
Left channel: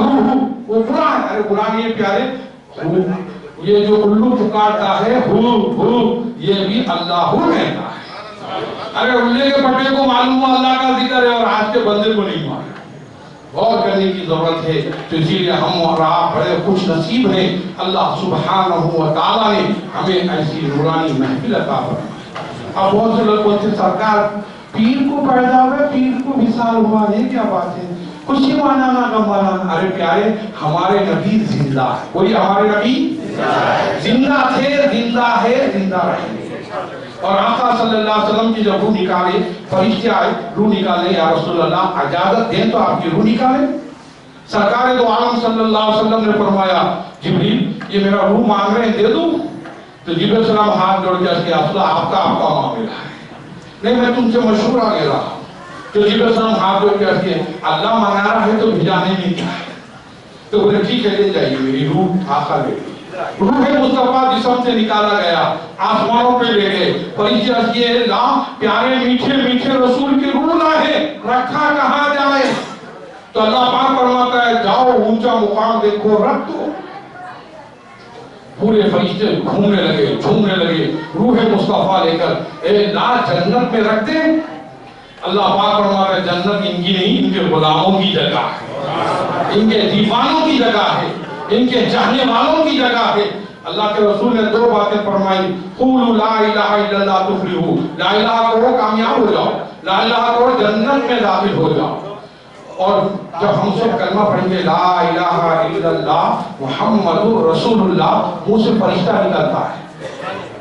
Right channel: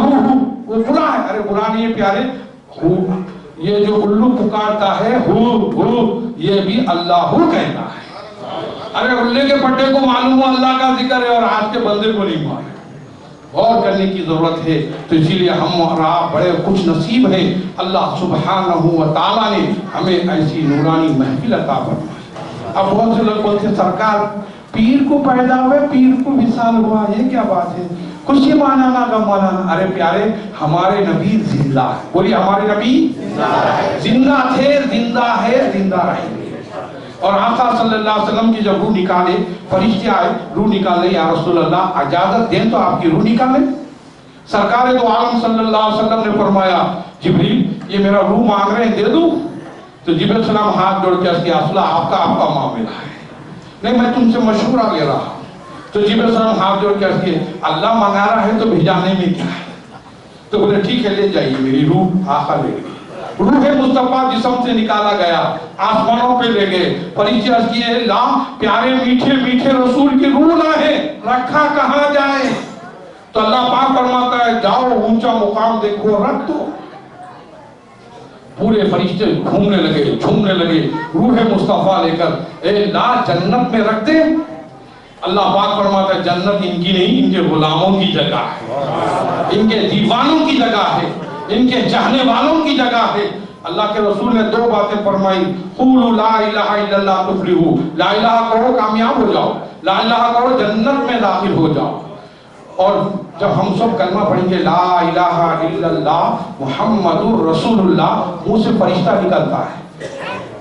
وہ برا ہے، ارے برا نہیں ہے پیارے، یہ جو الو پکارتا ہے یہ بھی اللہ کہتا ہے۔ ارے الے کے پٹے کو معلوم ہو اللہ کا ذکر ہے اور آج کے بندے کو نہیں معلوم، غور کرنے کی ضرورت ہے۔ تو اسی لیے ہم اور آپ بڑے خوش نصیب ہیں، اللہ سبحانہ و تعالیٰ نے ہمیں ایسی نورانی محفل عطا فرمائی۔ اب بہت سے لوگ بولتے ہیں سرکار پیر کو پیدا ہوئے، پیر کو وصال ہوا، یہ کیا بات ہے؟ خوشی منانا غم منانا۔ ارے پیارے ہمارے نبی زندہ ہے، بولیے ہمارے نبی زندہ تھے، زندہ ہے، زندہ رہیں گے۔ اور آقا صلی اللہ علیہ وسلم کی جب روح نکالے، فرشتے آئے روح نکالے، یا رسول اللہ اجازت دیں تو آپ کی روح نکالیں؟ سرکار دو عالم صلی اللہ علیہ وسلم نے فرمایا جبریل یہ میرا روح مانگ رہے ہیں، دے دوں؟ تو جبریل علیہ السلام ہاتھ جوڑ کے اس کے اصلہ آپ کا معاملہ ہے، نہیں میں تم سے مشورہ لے رہا ہوں۔ تو جبریل علیہ السلام ہاتھ جوڑ کے اس کے اللہ منگا رہا ہے تو بھیجانے میں کیا ہے؟ تو بولے ٹھیک ہے لے جائیے، میری روح آقا لے گئی۔ روح مصطفیٰ جسم سے نکالا گیا، آسمانوں پہ لے گئے، فرشتے عرض کیے لا پیارے میٹھے میٹھے رسول کی روح لائے، رکھا کہاں جائے؟ تو اللہ پاک فرماتا ہے جاؤ اونچا مقام دیکھو رکھ دو۔ پورے فرشتے گھومنے لگے، جھومنے لگے، روح مصطفیٰ لے کر اے لا جنت میں رکھ دے۔ اللہ پاک فرماتا ہے جنت ان کی نہیں، ان کے غلاموں کی جگہ ہے، ان کے دیوانوں کی جگہ ہے، ان کے چاہنے والوں کی جگہ ہے۔ اللہ کے رسول نے دو باتیں فرمائی، قولوا لا الہ الا اللہ تفلحوا، لا الہ کہو کامیاب ہو جاؤ، لا الہ کہو جنت میں داخل ہو جاؤ۔ اور جب ہم سب کلمہ پڑھیں گے لا الہ الا اللہ محمد رسول اللہ، منہ سے فرشتہ نکلتا ہے،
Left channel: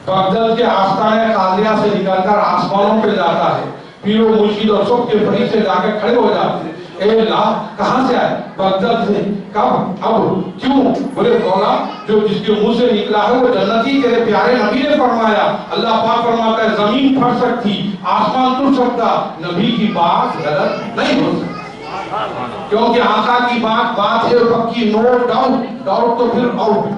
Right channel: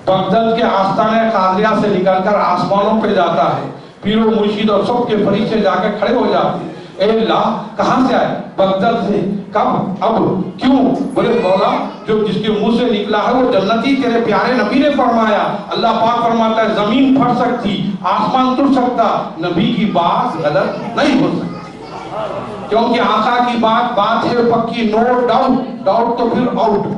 بغداد کے آستانہ قادریہ سے نکل کر آسمانوں پہ جاتا ہے، پیر و مرشد اور سب کے فرشتے جا کے کھڑے ہو جاتے ہیں، اے اللہ کہاں سے آئے؟ بغداد سے۔ کب؟ اب کیوں؟ بولے مولا جو جس کے منہ سے نکلا ہے وہ جنتی، تیرے پیارے نبی نے فرمایا۔ اللہ پاک فرماتا ہے زمین پھٹ سکتی، آسمان ٹوٹ سکتا، نبی کی بات غلط نہیں ہو سکتی، کیونکہ آقا کی بات ہے پکی، نو ڈاؤٹ، ڈاؤٹ تو پھر آؤٹ۔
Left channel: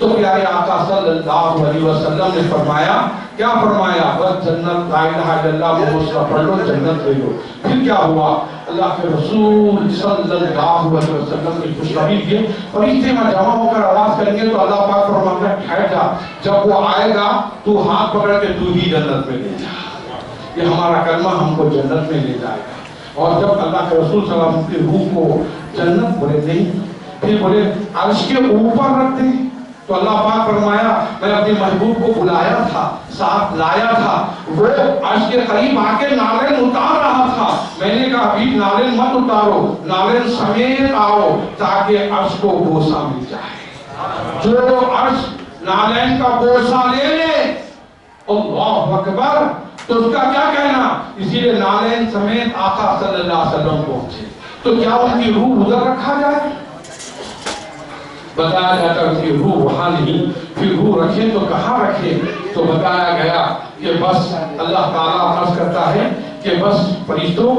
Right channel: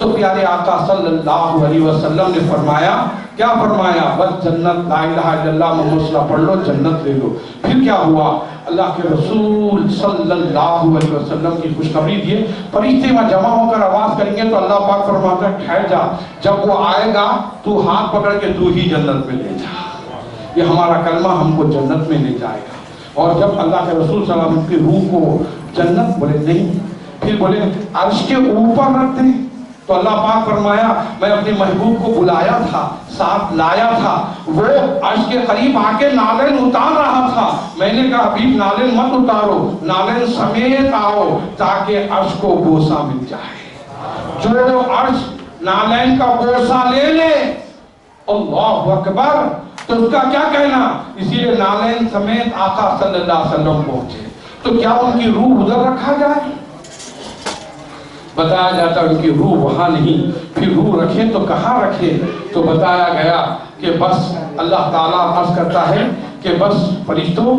تو پیارے آقا صلی اللہ علیہ وسلم نے فرمایا، کیا فرمایا؟ بس جنت لا الہ الا اللہ محمد پڑھ لو جنت لے لو۔ پھر کیا ہوا؟ اللہ کے رسول صلی اللہ علیہ وسلم کی خوشخبری دی، فرشتے میں جمع ہو کر آواز کریں گے تو اللہ پاک فرماتا ہے ٹھہر جا، جب وہ آئے گا تو ہاتھ پکڑ کے تو ہی جنت میں لے جا۔ یہ ہمارا کلمہ ہم کو جنت میں لے جائے گا۔ اور جب اللہ کے رسول صلی اللہ علیہ وسلم کی روح کو جنت بولے نہیں، پھر بولے عرش کے اوپر رکھ دیں، تو اللہ پاک فرمایا میں اپنے محبوب کو بلایا تھا، ساتھ لایا تھا، وہ عرش کے قریب آ کے نالین اتار رہا تھا، میں نے کہا حبیب نالین مت اتارو، نالین سمیت آؤ تاکہ عرش کو بوسہ مل جائے۔ جو عرش نالین کا بوسہ لے لے اللہ اکبر، تو اس کا کیا کہنا؟ اسی لیے نالین سمیت آقا صلی اللہ علیہ وسلم پہنچے، تو کیا ان کی روح ادھر رکھا جائے؟ بتایا جاتا ہے ان کی روح وہاں نہیں، پھر روح رکھیں تو کہاں رکھیں؟ تو بتایا گیا کہ بس اللہ تعالیٰ عرض کرتا ہے کہ بس فرشتوں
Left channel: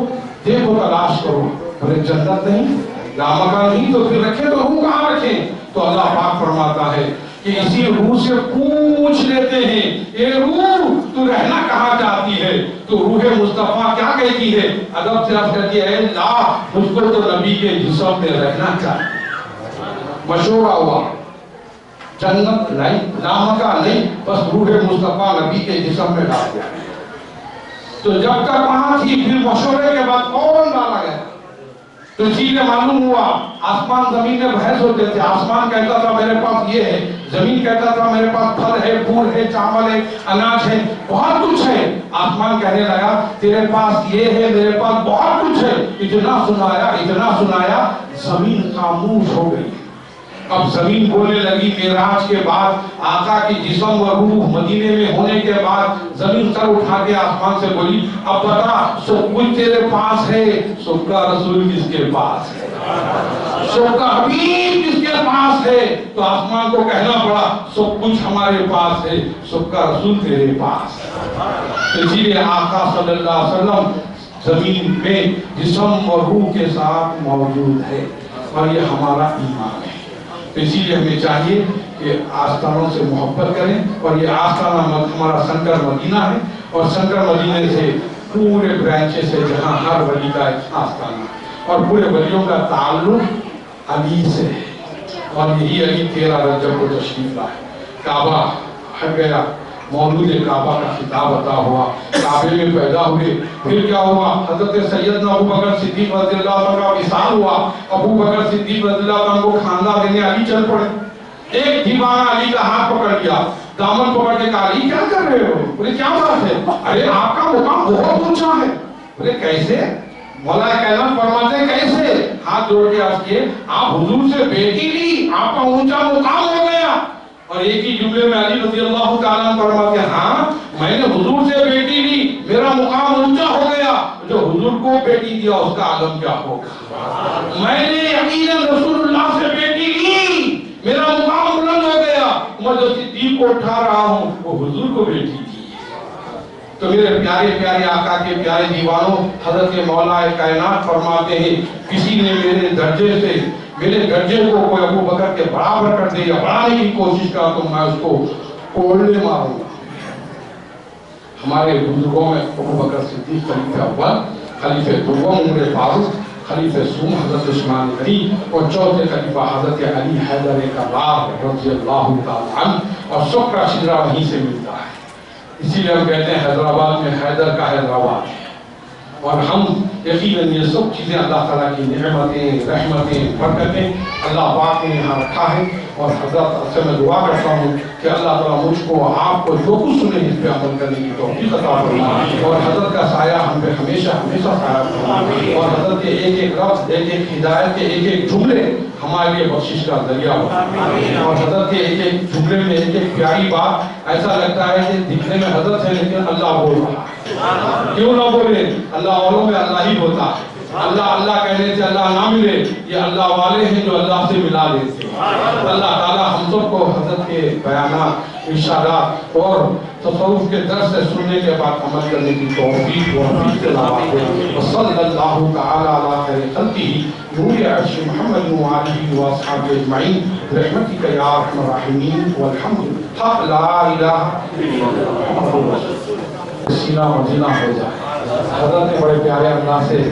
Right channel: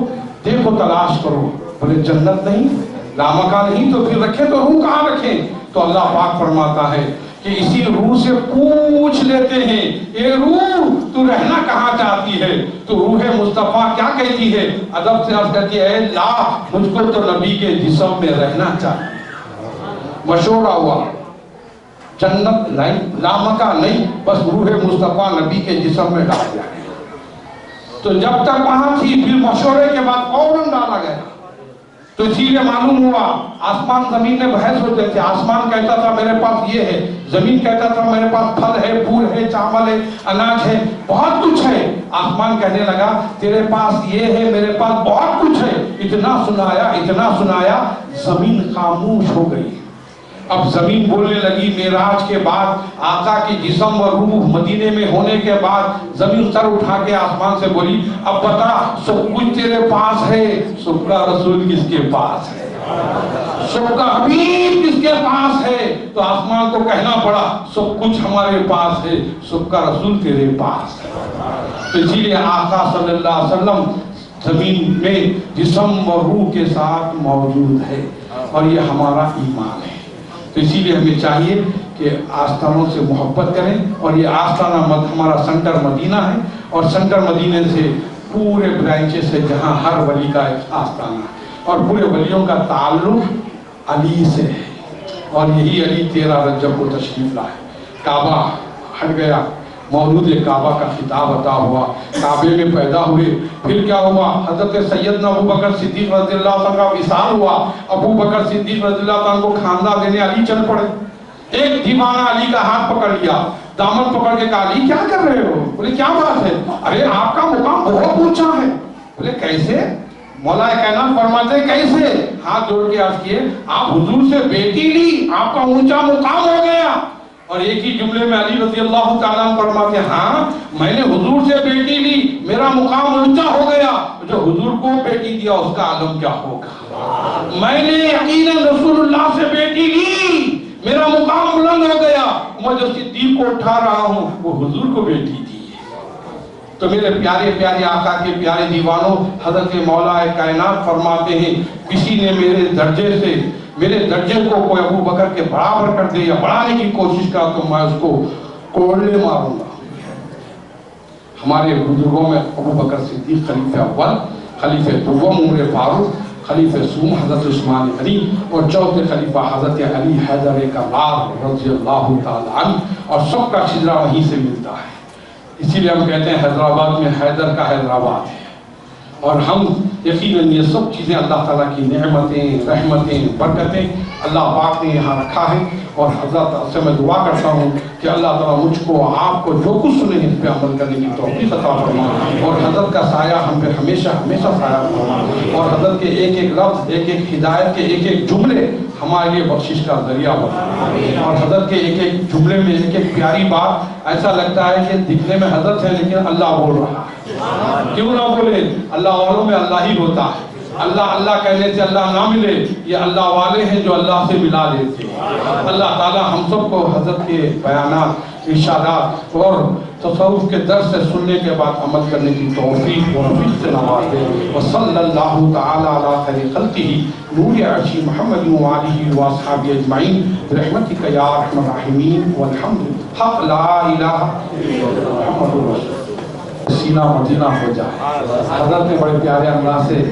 دیکھو تلاش کرو، بولے جنت نہیں، لامکہ نہیں، تو پھر رکھیں تو روح کہاں رکھیں؟ تو اللہ پاک فرماتا ہے کہ اسی روح سے پوچھ لیتے ہیں اے روح تو رہنا کہاں چاہتی ہے؟ تو روح مصطفیٰ کیا کہتی ہے؟ ادب سے عرض کرتی ہے اے اللہ مجھ کو تو نبی کے جسم میں رہنا چاہیے۔ مشورہ ہوا، جنت نہیں، لامکہ نہیں، بس روح مصطفیٰ نبی کے جسم میں ڈال دیا۔ تو جب تک وہاں تھی پھر مشورے کے بعد فوراً ڈالا گیا۔ تو اسی لیے معلوم ہوا آسمان زمین میں بحث ہوتے تھے، آسمان کہتا تھا میرے پاس یہ ہے، زمین کہتا تھا میرے پاس پھل ہے، پھول ہے، چاول ہے، اناج ہے، بہت کچھ ہے۔ آسمان کہنے لگا تیرے پاس یہ ہے، میرے پاس بہت کچھ ہے، اتنا سنایا اتنا سنایا، زمین خاموش ہو گئی۔ اب زمین بولنے لگی معراج کے بعد آقا کی جسم و روح مدینے میں ہونے کے بعد زمین سر اٹھا کے آسمان سے بولی اب بتا سب کچھ تیرے پاس ہے، سب کا رسول کس کے پاس ہے، سب کا حبیب کس کے پاس ہے؟ تو آسمان کو کہنا پڑا سب کچھ ہمارے پاس ہے، سب کا رسول تیرے پاس ہے۔ تو اسی لیے آقا صلی اللہ علیہ وسلم زمین میں جسم و روح کے ساتھ موجود ہے، اور یہ ہمارا ایمان ہے۔ تو اسی لیے ہمیں چاہیے کہ آستانوں سے محبت کریں، اور یہ آستانہ ہمارا سنٹر مدینہ ہے، اور سنٹر مدینہ سے پورے برانچز سے جہاں ہر ولی کا ایک آستانہ ہے، اور پورے ولیوں کا تعلق علی سے ہے، اور یہی علی 13 رجب کو تشریف لائے، کعبہ ہٹ گیا، مولود کعبہ کا خطاب عطا ہوا، کعبے میں پیدا ہوئے، پھر کیا ہوا؟ حضرت سیدنا ابوبکر صدیق رضی اللہ عنہ کا وصال ہوا، ابوبکر صدیق رضی اللہ عنہ کو کھانا دینے علی چل پڑے، ایک دیوانہ علی کا ہاتھ پکڑ لیا، دامن پکڑ کے کہا علی کیا کر رہے ہو؟ بولے کیا بات ہے؟ ارے آپ کا مقام بہت اونچا ہے۔ بولے کیسے؟ مولا کائنات فرماتے ہیں کیسے؟ ہاتھ جوڑ کے عرض کیے آپ حضور سے بیٹی لی، آپ کا اونچا مقام ہو گیا۔ اور ایک ہی جملے میں علی رضی اللہ تعالیٰ عنہ فرماتے ہیں ہاں میں نے حضور سے بیٹی لی، میرا مقام اونچا ہو گیا، جو حضور کو بیٹی دیا اس کا عالم کیا ہوگا؟ میں نے یقیناً رسول اللہ سے بیٹی لی، میرا مقام بلند ہو گیا، میں جو صدیق کو اٹھا رہا ہوں وہ حضور کو بیٹی دی۔ تو میرے پیارے پیارے آقا کے پیارے دیوانوں، حضرت مولا کائنات فرماتے ہیں کسی نے میرے درجے کو کوئی ابو بکر کے برابر کر دے یا بڑھانے کی کوشش کرا تو میں اس کو کوڑنے ماروں گا۔ ہمارے بزرگوں میں ابو بکر صدیق خلیفہ اول، خلیفہ دوم عمر فاروق، خلیفہ سوم حضرت عثمان غنی، اور چوتھے خلیفہ حضرت علی حیدر کرار رضی اللہ تعالی عنہ، اور سب کا شجرہ وہیں سے ملتا ہے۔ اسی لیے ہم کہتے ہیں حیدرآباد میں حیدر کا حیدرآباد ہے، اور ہم یقیناً یہ سب چیزیں اللہ تعالیٰ کی نعمتیں، رحمتیں، برکتیں اللہ پاک نے یہاں رکھا ہے، اور حضرت سے میں دعا کرتا ہوں کہ اللہ تعالیٰ مجھ کو آپ کو جو کچھ سنے اس پہ عمل کرنے کی توفیق عطا فرمائے، اور حضرت کا سایہ ہم پہ ہمیشہ ہمیشہ سایہ فرمائے، اور حضرت کے ایک ایک لفظ، ایک ایک ہدایت کے ایک ایک جملے ہمارے لیے بخشش کا ذریعہ ہو، اور حضرت کے ایک ایک جملے میں ایک ایک پیاری بات ایسا لگتا ہے کہ دکھنے میں حضرت ہے لیکن اللہ بول رہا ہے۔ کیوں نہ بولے؟ اللہ والوں میں اللہ ہی ہوتا ہے، اللہ اللہ کہنے سے اللہ نہ ملے، یہ اللہ والے ہیں جو اللہ سے ملا لیتے ہیں۔ اللہ تعالیٰ ہم سب کو حضرت کے بیانات، ارشادات اور تصوف کے درس سے سننے کے بعد عمل کرنے کی توفیق و حفیظ سے نوازے، وصلی اللہ تعالی علی خیر خلقہ نور عرش محمد وآلہ واصحابہ اجمعین برحمتک یا ارحم الراحمین والحمد حق لا الہ الا اللہ محمد رسول اللہ۔ سینہ مدینہ ہو جائے۔ حضرت نے بڑے پیارے انداز سے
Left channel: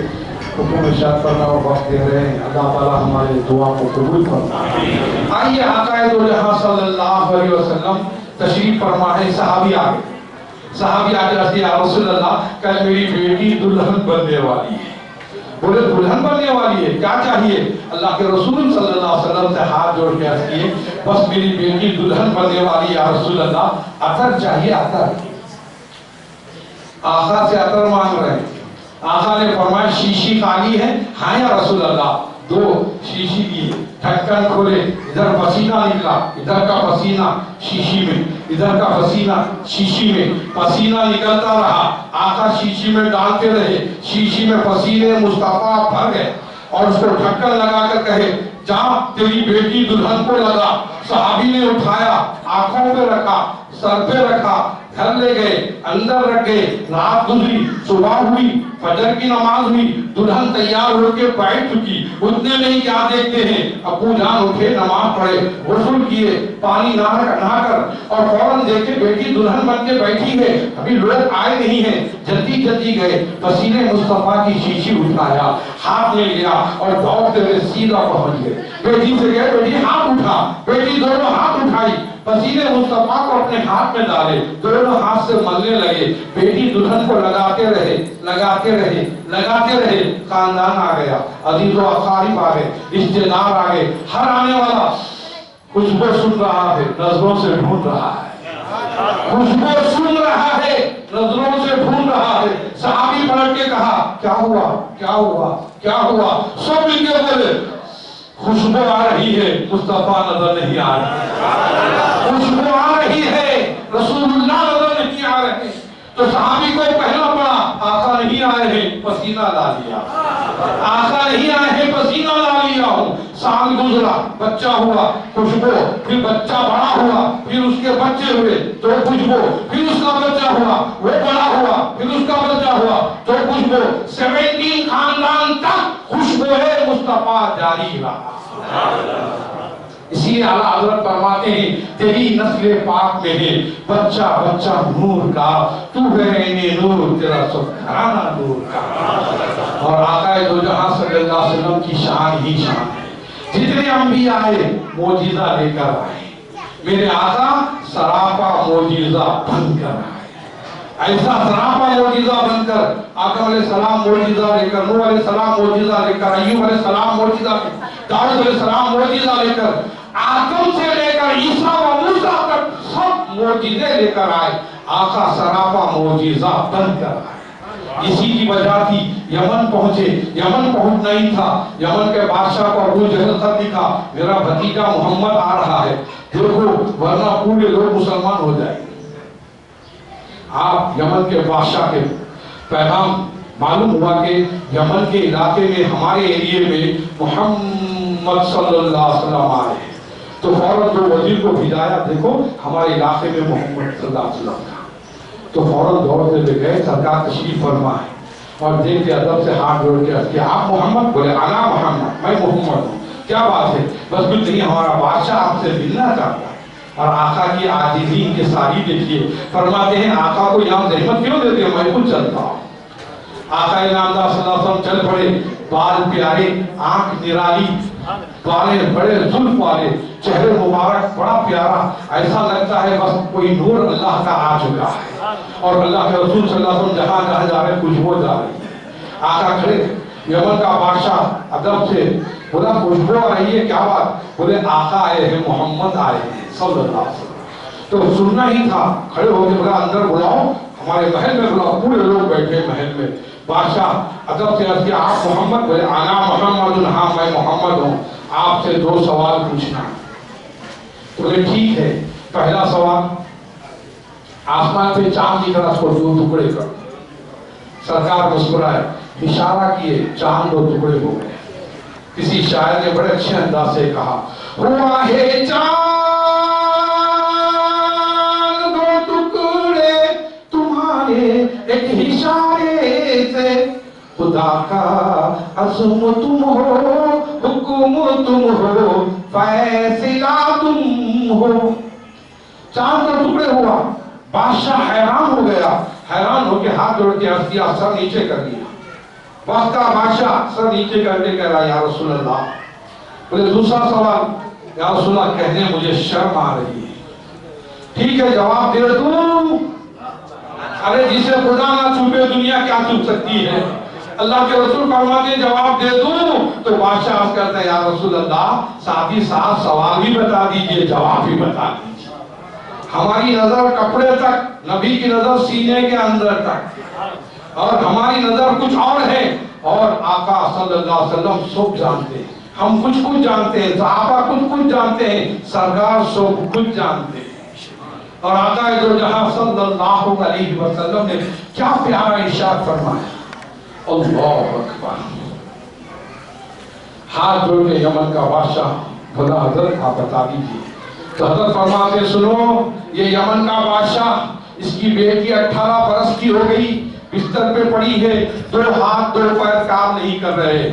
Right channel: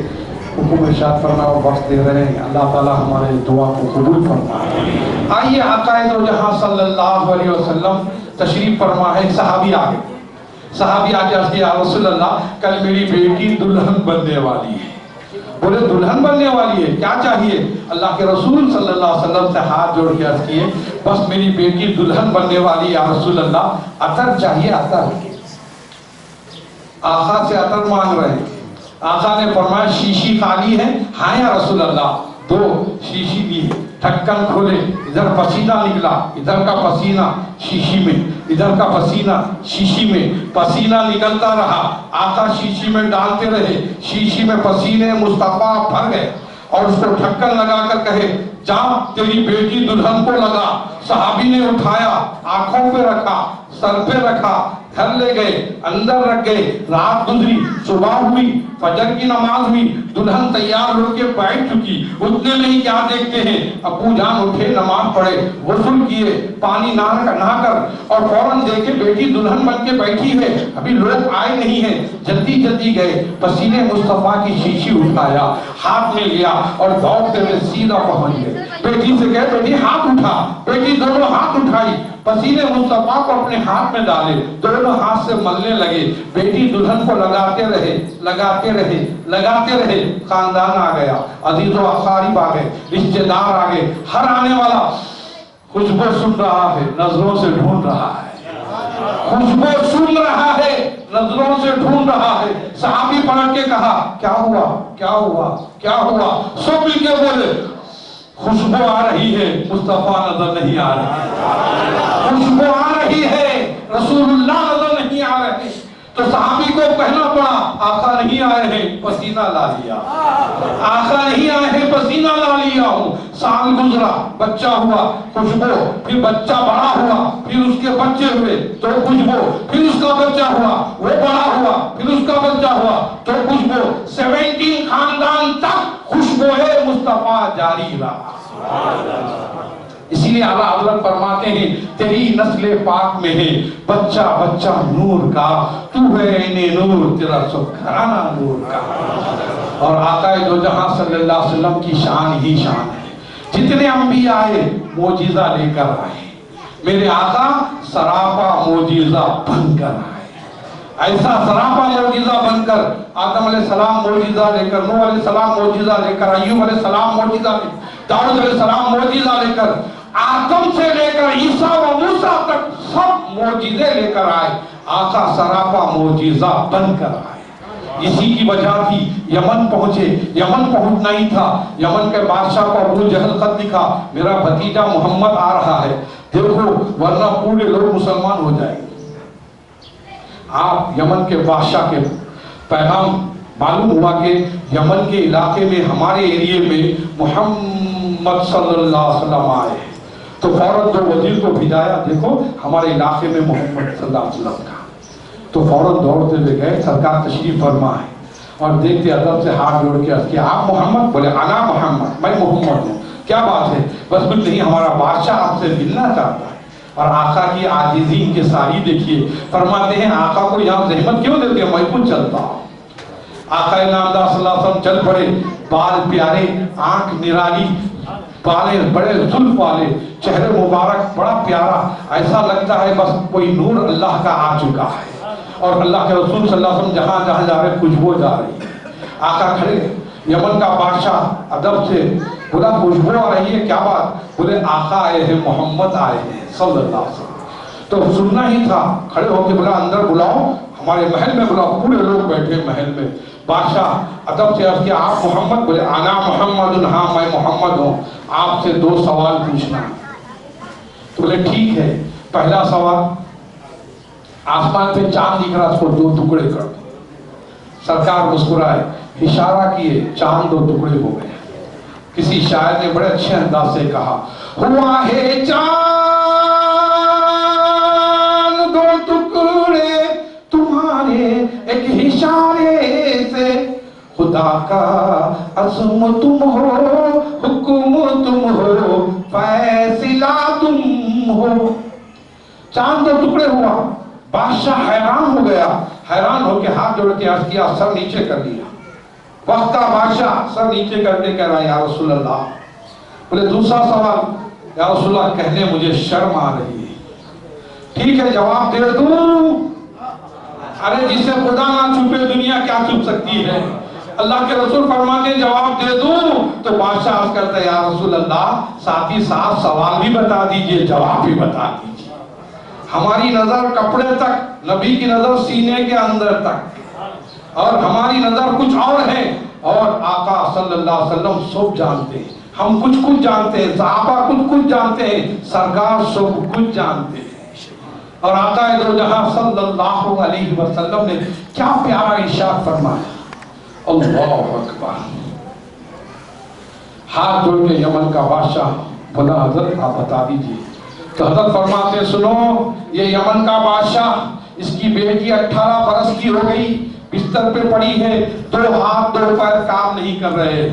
حکم ارشاد کرنا اور وقت دے رہے ہیں، اللہ تعالیٰ ہمارے دعا کو قبول فرمائے۔ آئیے آقا دو جہاں صلی اللہ علیہ وسلم تشریف فرما ہے، صحابی آگے عرض کیا یا رسول اللہ کل میری بیٹی دلہن بننے والی ہے۔ بولے دلہن بننے والی ہے، کیا چاہیے؟ اللہ کے رسول صلی اللہ علیہ وسلم سے ہاتھ جوڑ کے عرض کیے بس میری بیٹی دلہن بننے والی یا رسول اللہ، عطر چاہیے عطر۔ آقا سے عطر مانگ رہے ہیں، آقا نے فرمایا شیشی خالی ہے؟ ہاں یا رسول اللہ، 2 شیشی بھی ہے۔ ڈھکن کھولے، ادھر پسینہ نکلا، ادھر کا پسینہ شیشی میں، ادھر کا پسینہ شیشی میں، پسینہ نکلتا رہا، آقا شیشی میں ڈالتے رہے، شیشی میں پسینے مصطفیٰ بھر گئے، اور اس کو ڈھکن لگا کر کہے جا تیری بیٹی دلہن کو لگا۔ صحابی نے اٹھایا، آنکھوں پہ رکھا، سر پہ رکھا، گھر لے گئے، اندر رکھ گئے، رات گزری، صبح ہوئی، فجر کی نماز ہوئی، دلہن تیار ہو کے بیٹھ چکی، اتنے نہیں کیا دیکھتے ہیں ابو جان اٹھے، نماز پڑھے، غسل کیے، پانی نہا کر، اور فوراً دیکھے بیٹی دلہن بن کے بیٹھی ہے، ابھی لوگ آئے نہیں ہیں، جلدی جلدی گئے، پسینے مصطفیٰ کی شیشی اٹھایا، ہاتھ میں لیا اور دوڑتے ہوئے سیدھا پہنچ گئے۔ بیٹی سے کہے بیٹی ہاتھ اٹھا، بیٹی دونوں ہاتھ اٹھائی، پسینے مصطفیٰ کو اپنے ہاتھ میں ڈالے، دونوں ہاتھ سے ملنے لگے، بیٹی دلہن کو لگاتے رہے، خاندان آ گیا، عزیز و اقارب آ گئے، رشتہ دار آ گئے، ہر آنے والا خوشبو سن رہا ہے، نظروں سے ڈھونڈ رہا ہے، خوشبو سن رہا ہے، نظروں سے ڈھونڈ رہا ہے۔ صحابی پلٹ کے کہا کیا ہوا کیا ہوا کیا ہوا؟ سب مل کے بولے خوشبو آ رہی ہے، مصطفیٰ نظر نہیں آ رہے، خوشبو آ رہی ہے، رسول اللہ نظر نہیں آ رہے۔ تو صحابی کو کہنا پڑا آقا نہیں آئے ہیں، پسینہ لا لیا، آقا نہیں آئے ہیں، پسینہ لا لیا ہوں۔ سال گزرا، بچہ ہوا، خوشبو، پھر بچہ بڑا ہوا، پھر اس کے بچے ہوئے تو خوشبو، پھر اس کا بچہ ہوا، وہ بڑا ہوا، پھر اس کا بچہ ہوا تو خوشبو، 17 خاندان تک خوشبو مصطفیٰ جاری رہا۔ اسی لیے اعلیٰ حضرت فرماتے ہیں تیری نسل پاک میں ہے بچہ بچہ نور کا، تو ہے عین نور، تیرا سب گھرانہ نور کا۔ اور آقا دو جہاں صلی اللہ علیہ وسلم کی شان ہی شان ہے، جتنے انبیاء آئے معجزہ لے کر آئے، میرے آقا سراپا معجزہ بن کر آئے، ایسا سراپا معجزہ بن کر، آدم علیہ السلام معجزہ لے کر، نوح علیہ السلام معجزہ لے کر، ایوب علیہ السلام معجزہ لے کر، داؤد علیہ السلام معجزہ لے کر، آدم سے لے کر عیسیٰ و موسیٰ تک سب معجزے لے کر آئے، آقا سراپا معجزہ بن کر آئے۔ اسی کی وجہ تھی یمن پہنچے، یمن پہنچنا ہی تھا، یمن کے بادشاہ کو ابو جہل خط لکھا میرا بھتیجا محمد آ رہا ہے، دیکھو ورنہ پورے لوگ مسلمان ہو جائیں۔ آپ یمن کے بادشاہ کے پیغام معلوم ہوا کہ یمن کے علاقے میں ہمارے ایریے میں محمد صلی اللہ علیہ وسلم آئے، تو فوراً جو وزیر کو بھیجایا دیکھو ہمارے علاقے میں محمد صلی اللہ علیہ وسلم تھا، تو فوراً دوڑتے ہوئے گئے، سرکار تشریف فرما ہے، اور دیکھتے ادب سے ہاتھ جوڑ کے کہ آپ محمد؟ بولے انا محمد، میں محمد ہوں۔ کیا بات ہے؟ بس کچھ نہیں، ہمارا بادشاہ آپ سے ملنا چاہتا ہے۔ اور آقا کی عاجزی کے ساری دیکھیے، فرماتے ہیں آقا کو یہاں زحمت کیوں دیتے ہیں، میں خود چلتا ہوں۔ آقا نامدار صلی اللہ علیہ وسلم چل پڑے، بال پیارے، آنکھ نرالی، بالیں بڑے زلف والے، چہرے مبارک بڑا پیارا، ایسا لگتا ہے بس کوئی نور اللہ کا آ چکا ہے، اور اللہ کے رسول صلی اللہ علیہ وسلم جہاں جہاں جا رہے خوشبو جا رہی ہے۔ آقا کھڑے، یمن کا بادشاہ ادب سے بولا خوشبو آ رہی ہے، کیا بات؟ بولے آقا آئے ہیں، محمد آئے ہیں صلی اللہ علیہ وسلم۔ تو سننا ہی تھا، کھڑے ہو کے بولا اندر بلاؤ، ہمارے محل میں بلاؤ، پورے لوگ بیٹھے محل میں۔ بادشاہ ادب سے عرض کیا آپ محمد؟ بولے انا محمد، ہاں میں محمد ہوں، آپ سے 2 سوال پوچھنا۔ بولے ٹھیک ہے، پہلا سوال، آسمان پہ چاند دکھ رہا، اس کو 2 ٹکڑے کر دو۔ سرکار مسکرائے، اشارہ کیے، چاند 2 ٹکڑے ہو گئے۔ کسی شاعر نے بڑے اچھے انداز سے کہا ہوا ہے چاند 2 ٹکڑے تمہارے ایک اشارے سے، خدا کا عزم تم ہو، حکم تم ہو، فیصلہ تم ہو۔ چاند 2 ٹکڑے ہوا، بادشاہ حیران ہو گیا، حیران ہو کے ہاتھ جوڑ کے عرض کیا، سر نیچے کر دیا۔ وقت کا بادشاہ سر نیچے کر کے کہہ رہا یا رسول اللہ۔ بولے دوسرا سوال، یا رسول اللہ کہنے مجھے شرم آ رہی ہے۔ ٹھیک ہے جواب دے دوں؟ ارے جسے خدا نہ چھپے دنیا کیا چھپ سکتی ہے؟ اللہ کے رسول فرماتے ہیں جواب دے دوں؟ تو بادشاہ عرض کرتا ہے یا رسول اللہ ساتھ ہی ساتھ سوال بھی بتا دیجئے، جواب بھی بتا دیجئے۔ ہماری نظر کپڑے تک، نبی کی نظر سینے کے اندر تک، اور ہماری نظر کچھ اور ہے، اور آقا صلی اللہ علیہ وسلم سب جانتے ہیں۔ ہم کچھ جانتے ہیں، صحابہ کچھ جانتے ہیں، سرکار سب کچھ جانتے ہیں۔ اور آقا دو جہاں صلی اللہ علیہ وسلم نے کیا پیارا ارشاد فرمایا، اللہ اکبر۔ ہاتھ جوڑ کے یمن کا بادشاہ بولا حضرت آپ بتا دیجئے۔ تو حضرت فرماتے سنو، یہ یمن کا بادشاہ، اس کی بیٹی 18 برس کی ہو گئی، بستر پہ پڑی ہے، 2 ہاتھ 2 پیر کام نہیں کر رہے،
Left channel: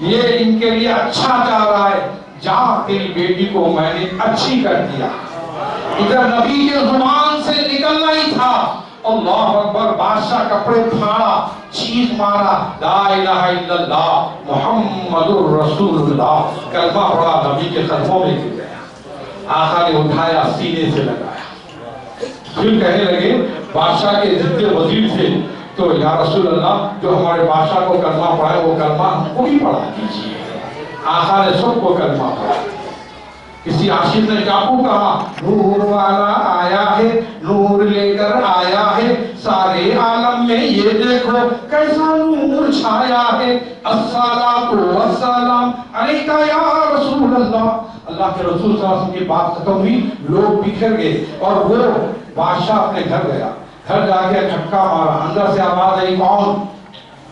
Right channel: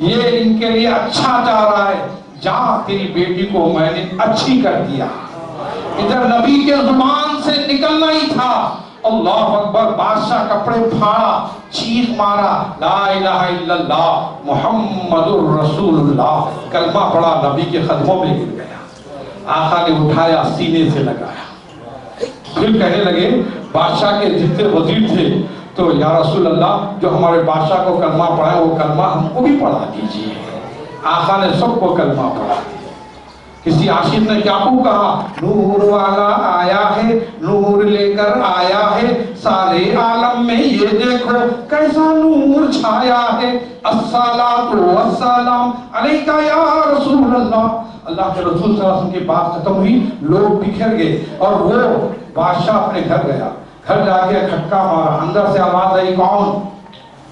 یہ ان کے لیے اچھا چاہ رہا ہے، جا تیری بیٹی کو میں نے اچھی کر دیا۔ ادھر نبی کے زبان سے نکلنا ہی تھا، اللہ اکبر۔ بادشاہ کپڑے پھاڑا، چیخ مارا، لا الہ الا اللہ محمد الرسول اللہ، کلمہ پڑھا، نبی کے قدموں میں گر گیا۔ آقا نے اٹھایا، سینے سے لگایا، پھر کہنے لگے بادشاہ کے جتنے وزیر تھے، تو یا رسول اللہ جو ہمارے بادشاہ کو کلمہ پڑھائے وہ کلمہ ہم کو بھی پڑھا دیجیے۔ آقا نے سب کو کلمہ پڑھا۔ کسی عاشق نے کیا کو کہا، نور والا آیا ہے، نور لے کر آیا ہے، سارے عالم میں یہ دیکھو کیسا نور چھایا ہے، الصلاۃ والسلام علیکہ یا رسول اللہ, اللہ کے رسول صلی اللہ علیہ وسلم کی بات ختم ہوئی, لوگ بکھر گئے اور وہ بادشاہ اپنے گھر گیا. گھر جا کے کھٹکا مارا, اندر سے آواز آئی کون؟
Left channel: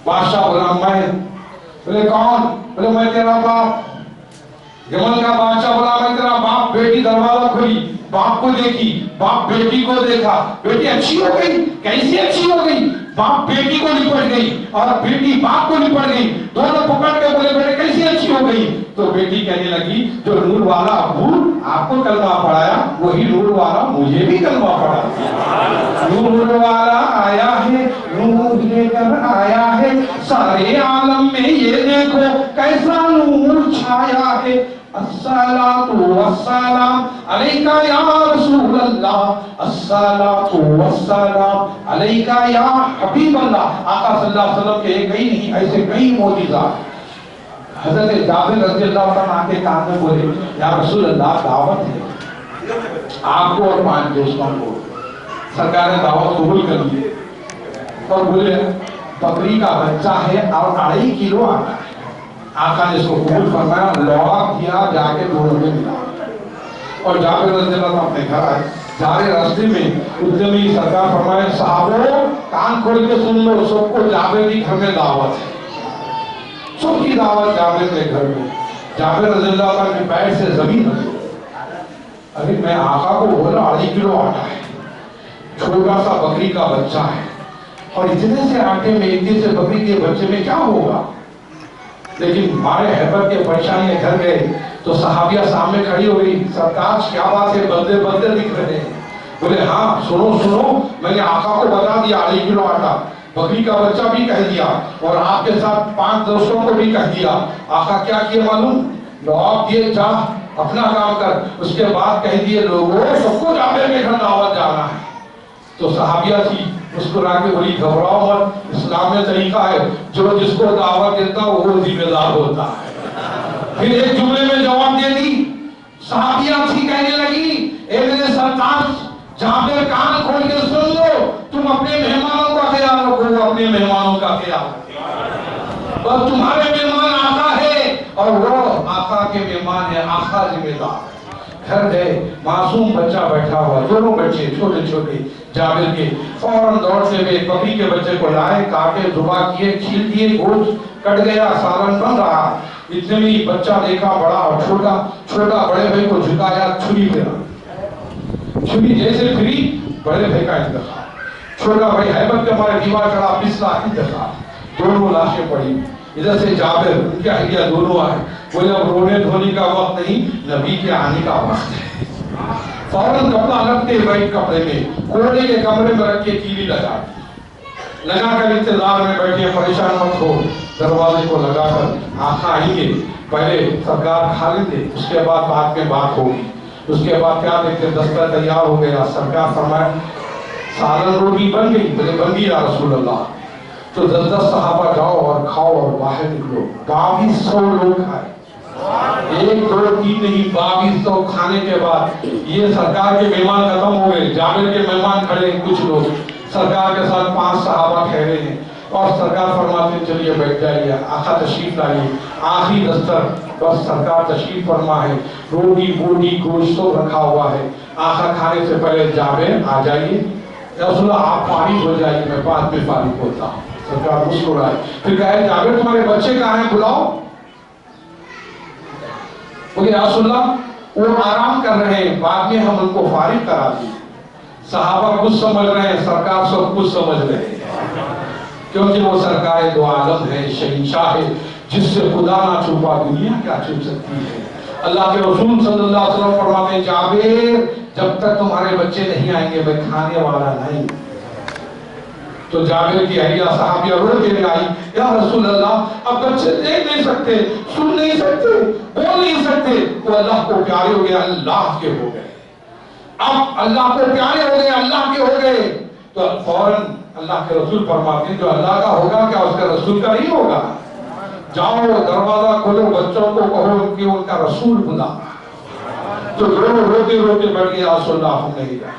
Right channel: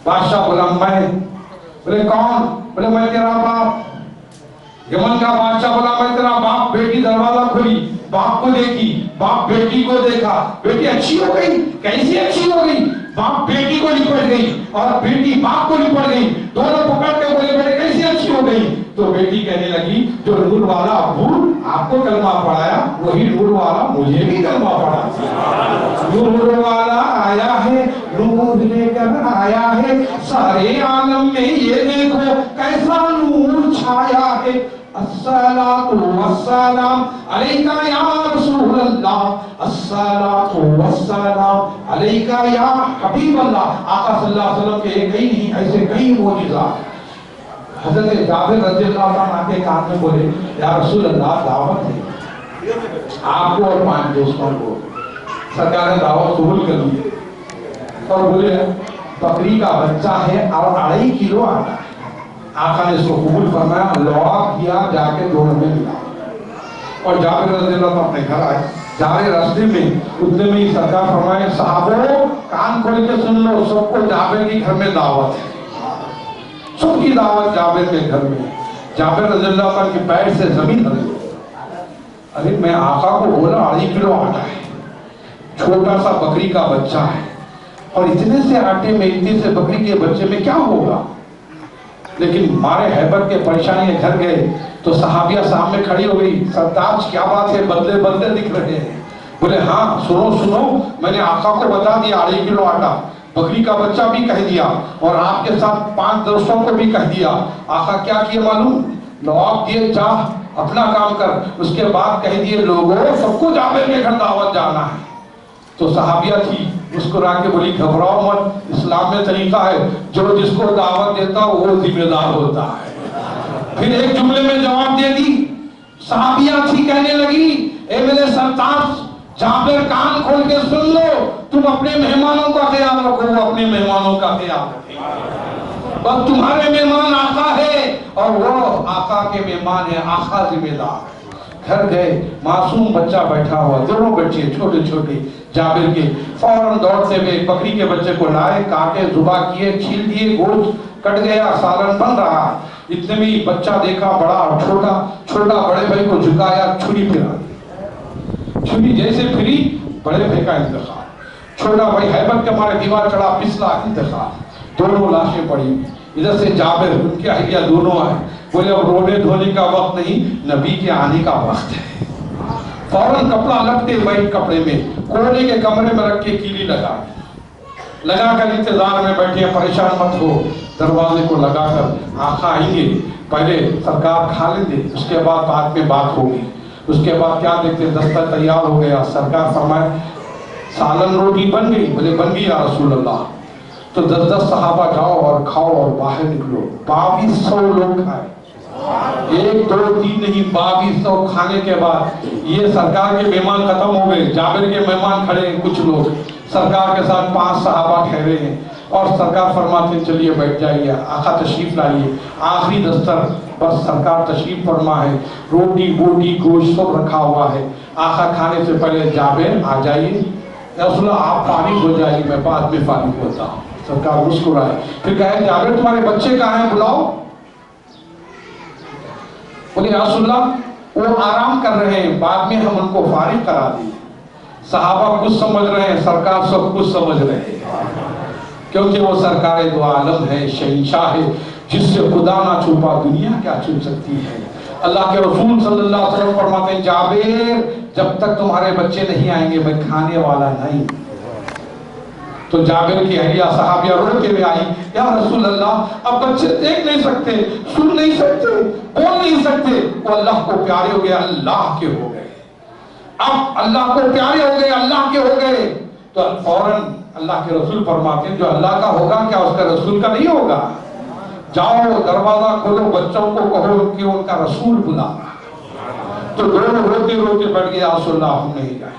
بادشاہ بولا میں. بولے کون؟ بولے میں تیرا باپ. یمن کا بادشاہ بولا میں تیرا باپ. بیٹی دروازہ کھلی, باپ کو دیکھی, باپ بیٹی کو دیکھا, بیٹی اچھی ہو گئی. کیسی اچھی ہو گئی؟ باپ بیٹی کو لپٹ گئی اور بیٹی باپ کو لپٹ گئی. دونوں پکڑ کے بولے بیٹے کیسی اچھی ہو گئی؟ تو بیٹی کہنے لگی جو نور والا ابو آپ کو کلمہ پڑھایا وہی نور والا مجھے بھی کلمہ پڑھایا. نور والا آیا ہے, نور لے کر آیا ہے, سارے عالم میں یہ دیکھو کیسا نور چھایا ہے. الصلاۃ والسلام علیکہ یا رسول اللہ, الصلاۃ والسلام علیکہ یا حبیب اللہ. آقا صلی اللہ علیہ وسلم کے کئی نہیں ایسے کئی معجزات. حضرت جابر رضی اللہ عنہ کے کان میں بولے یا رسول اللہ دعوت ہے آپ کو اور 5 دوستوں کو. سرکار نے دعوت قبول کر لی اور بولے بکری کا بچہ ہے اور 2.5 کلو آٹا ہے. آقا نے اس کو قبول فرمایا, لوگ کیا, جا کے دونوں میں ملا اور جابر رضی اللہ عنہ اپنے گھر آئے. جا رہے راستے میں اتنے میں سرکار فرمائے صحابہ کان کھول کے سن لو, سب کو جابر کی گھر میں دعوت ہے. سب کی دعوت جابر کے گھر میں. جابر رضی اللہ عنہ کے پیر سے زمین رکھی. ارے میں آقا کو بولا 2.5 کلو آٹا ہے, چھوٹا سا بکری کا بچہ ہے, اور اتنے سے آٹے میں اتنے سے بکری کے بچے میں کیا ہوگا؟ لیکن مارے حیبت کے پریشانی گھر گئے تو صحابیہ سامنے کھڑی ہو گئی. سرتاج کیا بات ہے, بدلے بدلے دکھ رہے ہیں. بولے ہاں سنو میں نے آقا کو بتا دیا 2.5 کلو آٹا, بکری کا بچہ بھی کہہ دیا اور آپ کے ساتھ 5 دوستوں کو بھی کہہ دیا. آقا کیا کیے معلوم؟ لوگ دیے جا اپنا کام کر. اس کے بعد کہہ دیے لوگوں سب کو جابر کے گھر دعوت جانا ہے. تو صحابیہ تھی مسکرا کے بولی گھبراؤ مت, اسلام میں طریقہ ہے جو جس کو دعوت دیتا وہ ذمہ دار ہوتا ہے. پھر ایک جملے میں جواب دے دی. صحابیہ تھی کہنے لگی اے میرے سرتاج جابر کان کھول کے سن لو, تم اپنے مہمانوں کا خیال رکھو, وہ اپنے مہمانوں کا خیال رکھے. بس تمہارے مہمان آقا ہے اور وہ آقا کے مہمان ہے, آقا ذمہ دار. گھر گئے, معصوم بچہ بیٹھا ہوا, دونوں بچے چھوٹے چھوٹے جابر کے. فوراً دوڑتے ہوئے بکری کے بچے کو لائے, کاٹے, ذبح کیے, چھیل دیے, گوشت کٹ گیا, سالن بن رہا. اتنے میں بچہ دیکھا بڑا اور چھوٹا بڑے بھائی کو جھکایا, چھری پھرا. چھری جیسے پھری بڑے بھائی کا انتخاب. چھوٹا بھائی حیبت کے مارے دیوار چڑھا, پسلا, انتخاب. دونوں لاشیں پڑی. ادھر سے جابر ان کی اہلیہ دونوں آئے. بولے اب رونے دھونے کا وقت نہیں, نبی کے آنے کا وقت ہے. فوراً کپڑا لگتے وائٹ کپڑے میں کوڑے کے کمرے میں رکھ کے کیلی لگا کر انتظار میں بیٹھے. پریشان مت ہو, دروازے کو لگا کر آقا آئیں گے, پہلے سرکار کھا لیں گے, اس کے بعد میں بات ہوگی. اس کے بعد کیا دیکھتے دستر تیار ہو گیا. سرکار فرمائے سالن روٹی بن گئی؟ بولے بن گئی یا رسول اللہ. تو 10 صحابہ جاؤ اور کھاؤ اور باہر نکلو. 2200 لوگ کھائے, 1 2 3 نہیں, 2200 کھانے کے بعد یہ سرکار کے مہمان ختم ہو گئے. جابر کے مہمان کھڑے ہیں کچھ لوگ, سرکار کے ساتھ 5 صحابہ ٹھہرے ہیں اور سرکار فرماتے ہیں چلیے بیٹھ جائیے, آقا تشریف لائیے. آخری دستر بس سرکار تشریف فرما ہے, روٹی بوٹی گوشت سب رکھا ہوا ہے. آقا کھانے سے پہلے جابر آ جائیے, رسول اللہ آپ فارغ ہو جائیے, میں بعد میں فارغ ہوتا ہوں. سرکار مسکرائے, پھر کہے جابر تمہارے بچے کہاں ہیں, بلاؤ. بولے رسول اللہ وہ آرام کر رہے ہیں, بعد میں ہم ان کو فارغ کرا دیں. صحابہ کچھ سمجھ رہے ہیں, سرکار سب کچھ سمجھ رہے ہیں, کیونکہ وہ سرکار دو عالم ہے, شہنشاہ ہے, جس سے خدا نہ چھپا دنیا کیا چھپ سکتی ہے. اللہ کے رسول صلی اللہ علیہ وسلم فرماتے ہیں جابر جب تک تمہارے بچے نہیں آئیں گے میں کھانے والا نہیں. تو جابر کی اہلیہ صحابیہ رو کے لے آئی, یا رسول اللہ اب بچے دیکھ نہیں سکتے, سن نہیں سکتے, بول نہیں سکتے, وہ اللہ کو پیارے ہو گئے, اللہ کے ہو گئے. اب اللہ کو پیارے ہو گئے, اللہ کے ہو گئے. تو فوراً اللہ کے رسول فرماتے ہیں جو اللہ کا ہوگا کیا اس کے رسول کا نہیں ہوگا؟ جاؤ دروازہ کھولو, بچوں کو کہو کہ ان کا رسول بلا. تو دونوں روتے روتے بیٹھ گئے, یا رسول اللہ ہم نہیں گئے.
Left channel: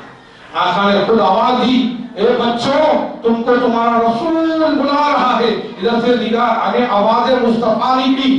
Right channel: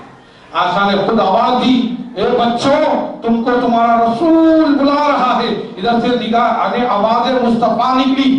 آقا نے خود آواز دی, اے بچوں تم کو تمہارا رسول بلا رہا ہے. ادھر سے نگاہ آگے آواز مصطفیٰ نکلی,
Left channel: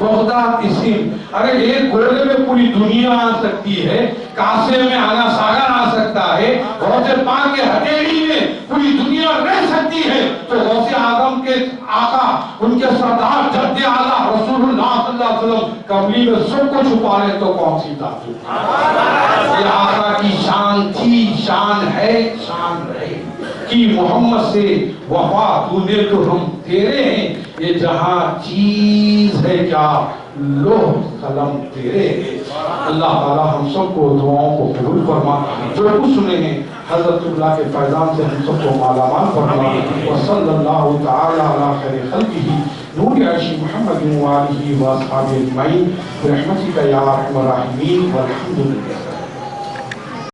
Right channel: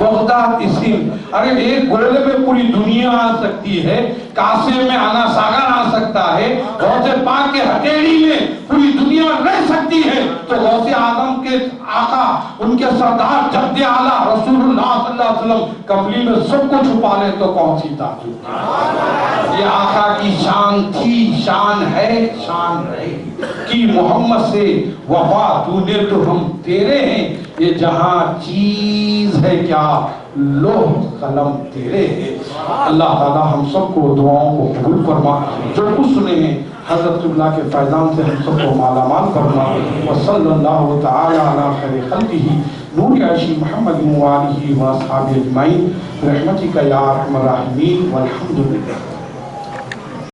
بغداد اسم، ارے ایک گولے میں پوری دنیا آ سکتی ہے، کاسے میں آنا ساگر آ سکتا ہے، غوث پاک کے ہتھیلی میں پوری دنیا رہ سکتی ہے، تو غوث آدم کے آقا، ان کے سردار جد اعلیٰ رسول اللہ صلی اللہ علیہ وسلم کملی میں سب کو چھپا لے تو کون سی تعجب؟ یہ آقا کی شان تھی، شان ہے، شان رہے کہ محمد سے وفا تو نے تو ہم تیرے ہیں، یہ جہاں چیز ہے کیا لوح قلم تیرے ہیں۔ اللہ تعالی ہم سب کو دعاؤں کو قبول فرما، جو کچھ سنے ہیں حضرت اللہ کے فیضان سے ہم سب کو مالا مال فرما، وصلی اللہ تعالی علی خیر خلقہ نور عرش محمد وآلہ وآصحابہ اجمعین برحمتک یا ارحم الراحمین والحمد للہ۔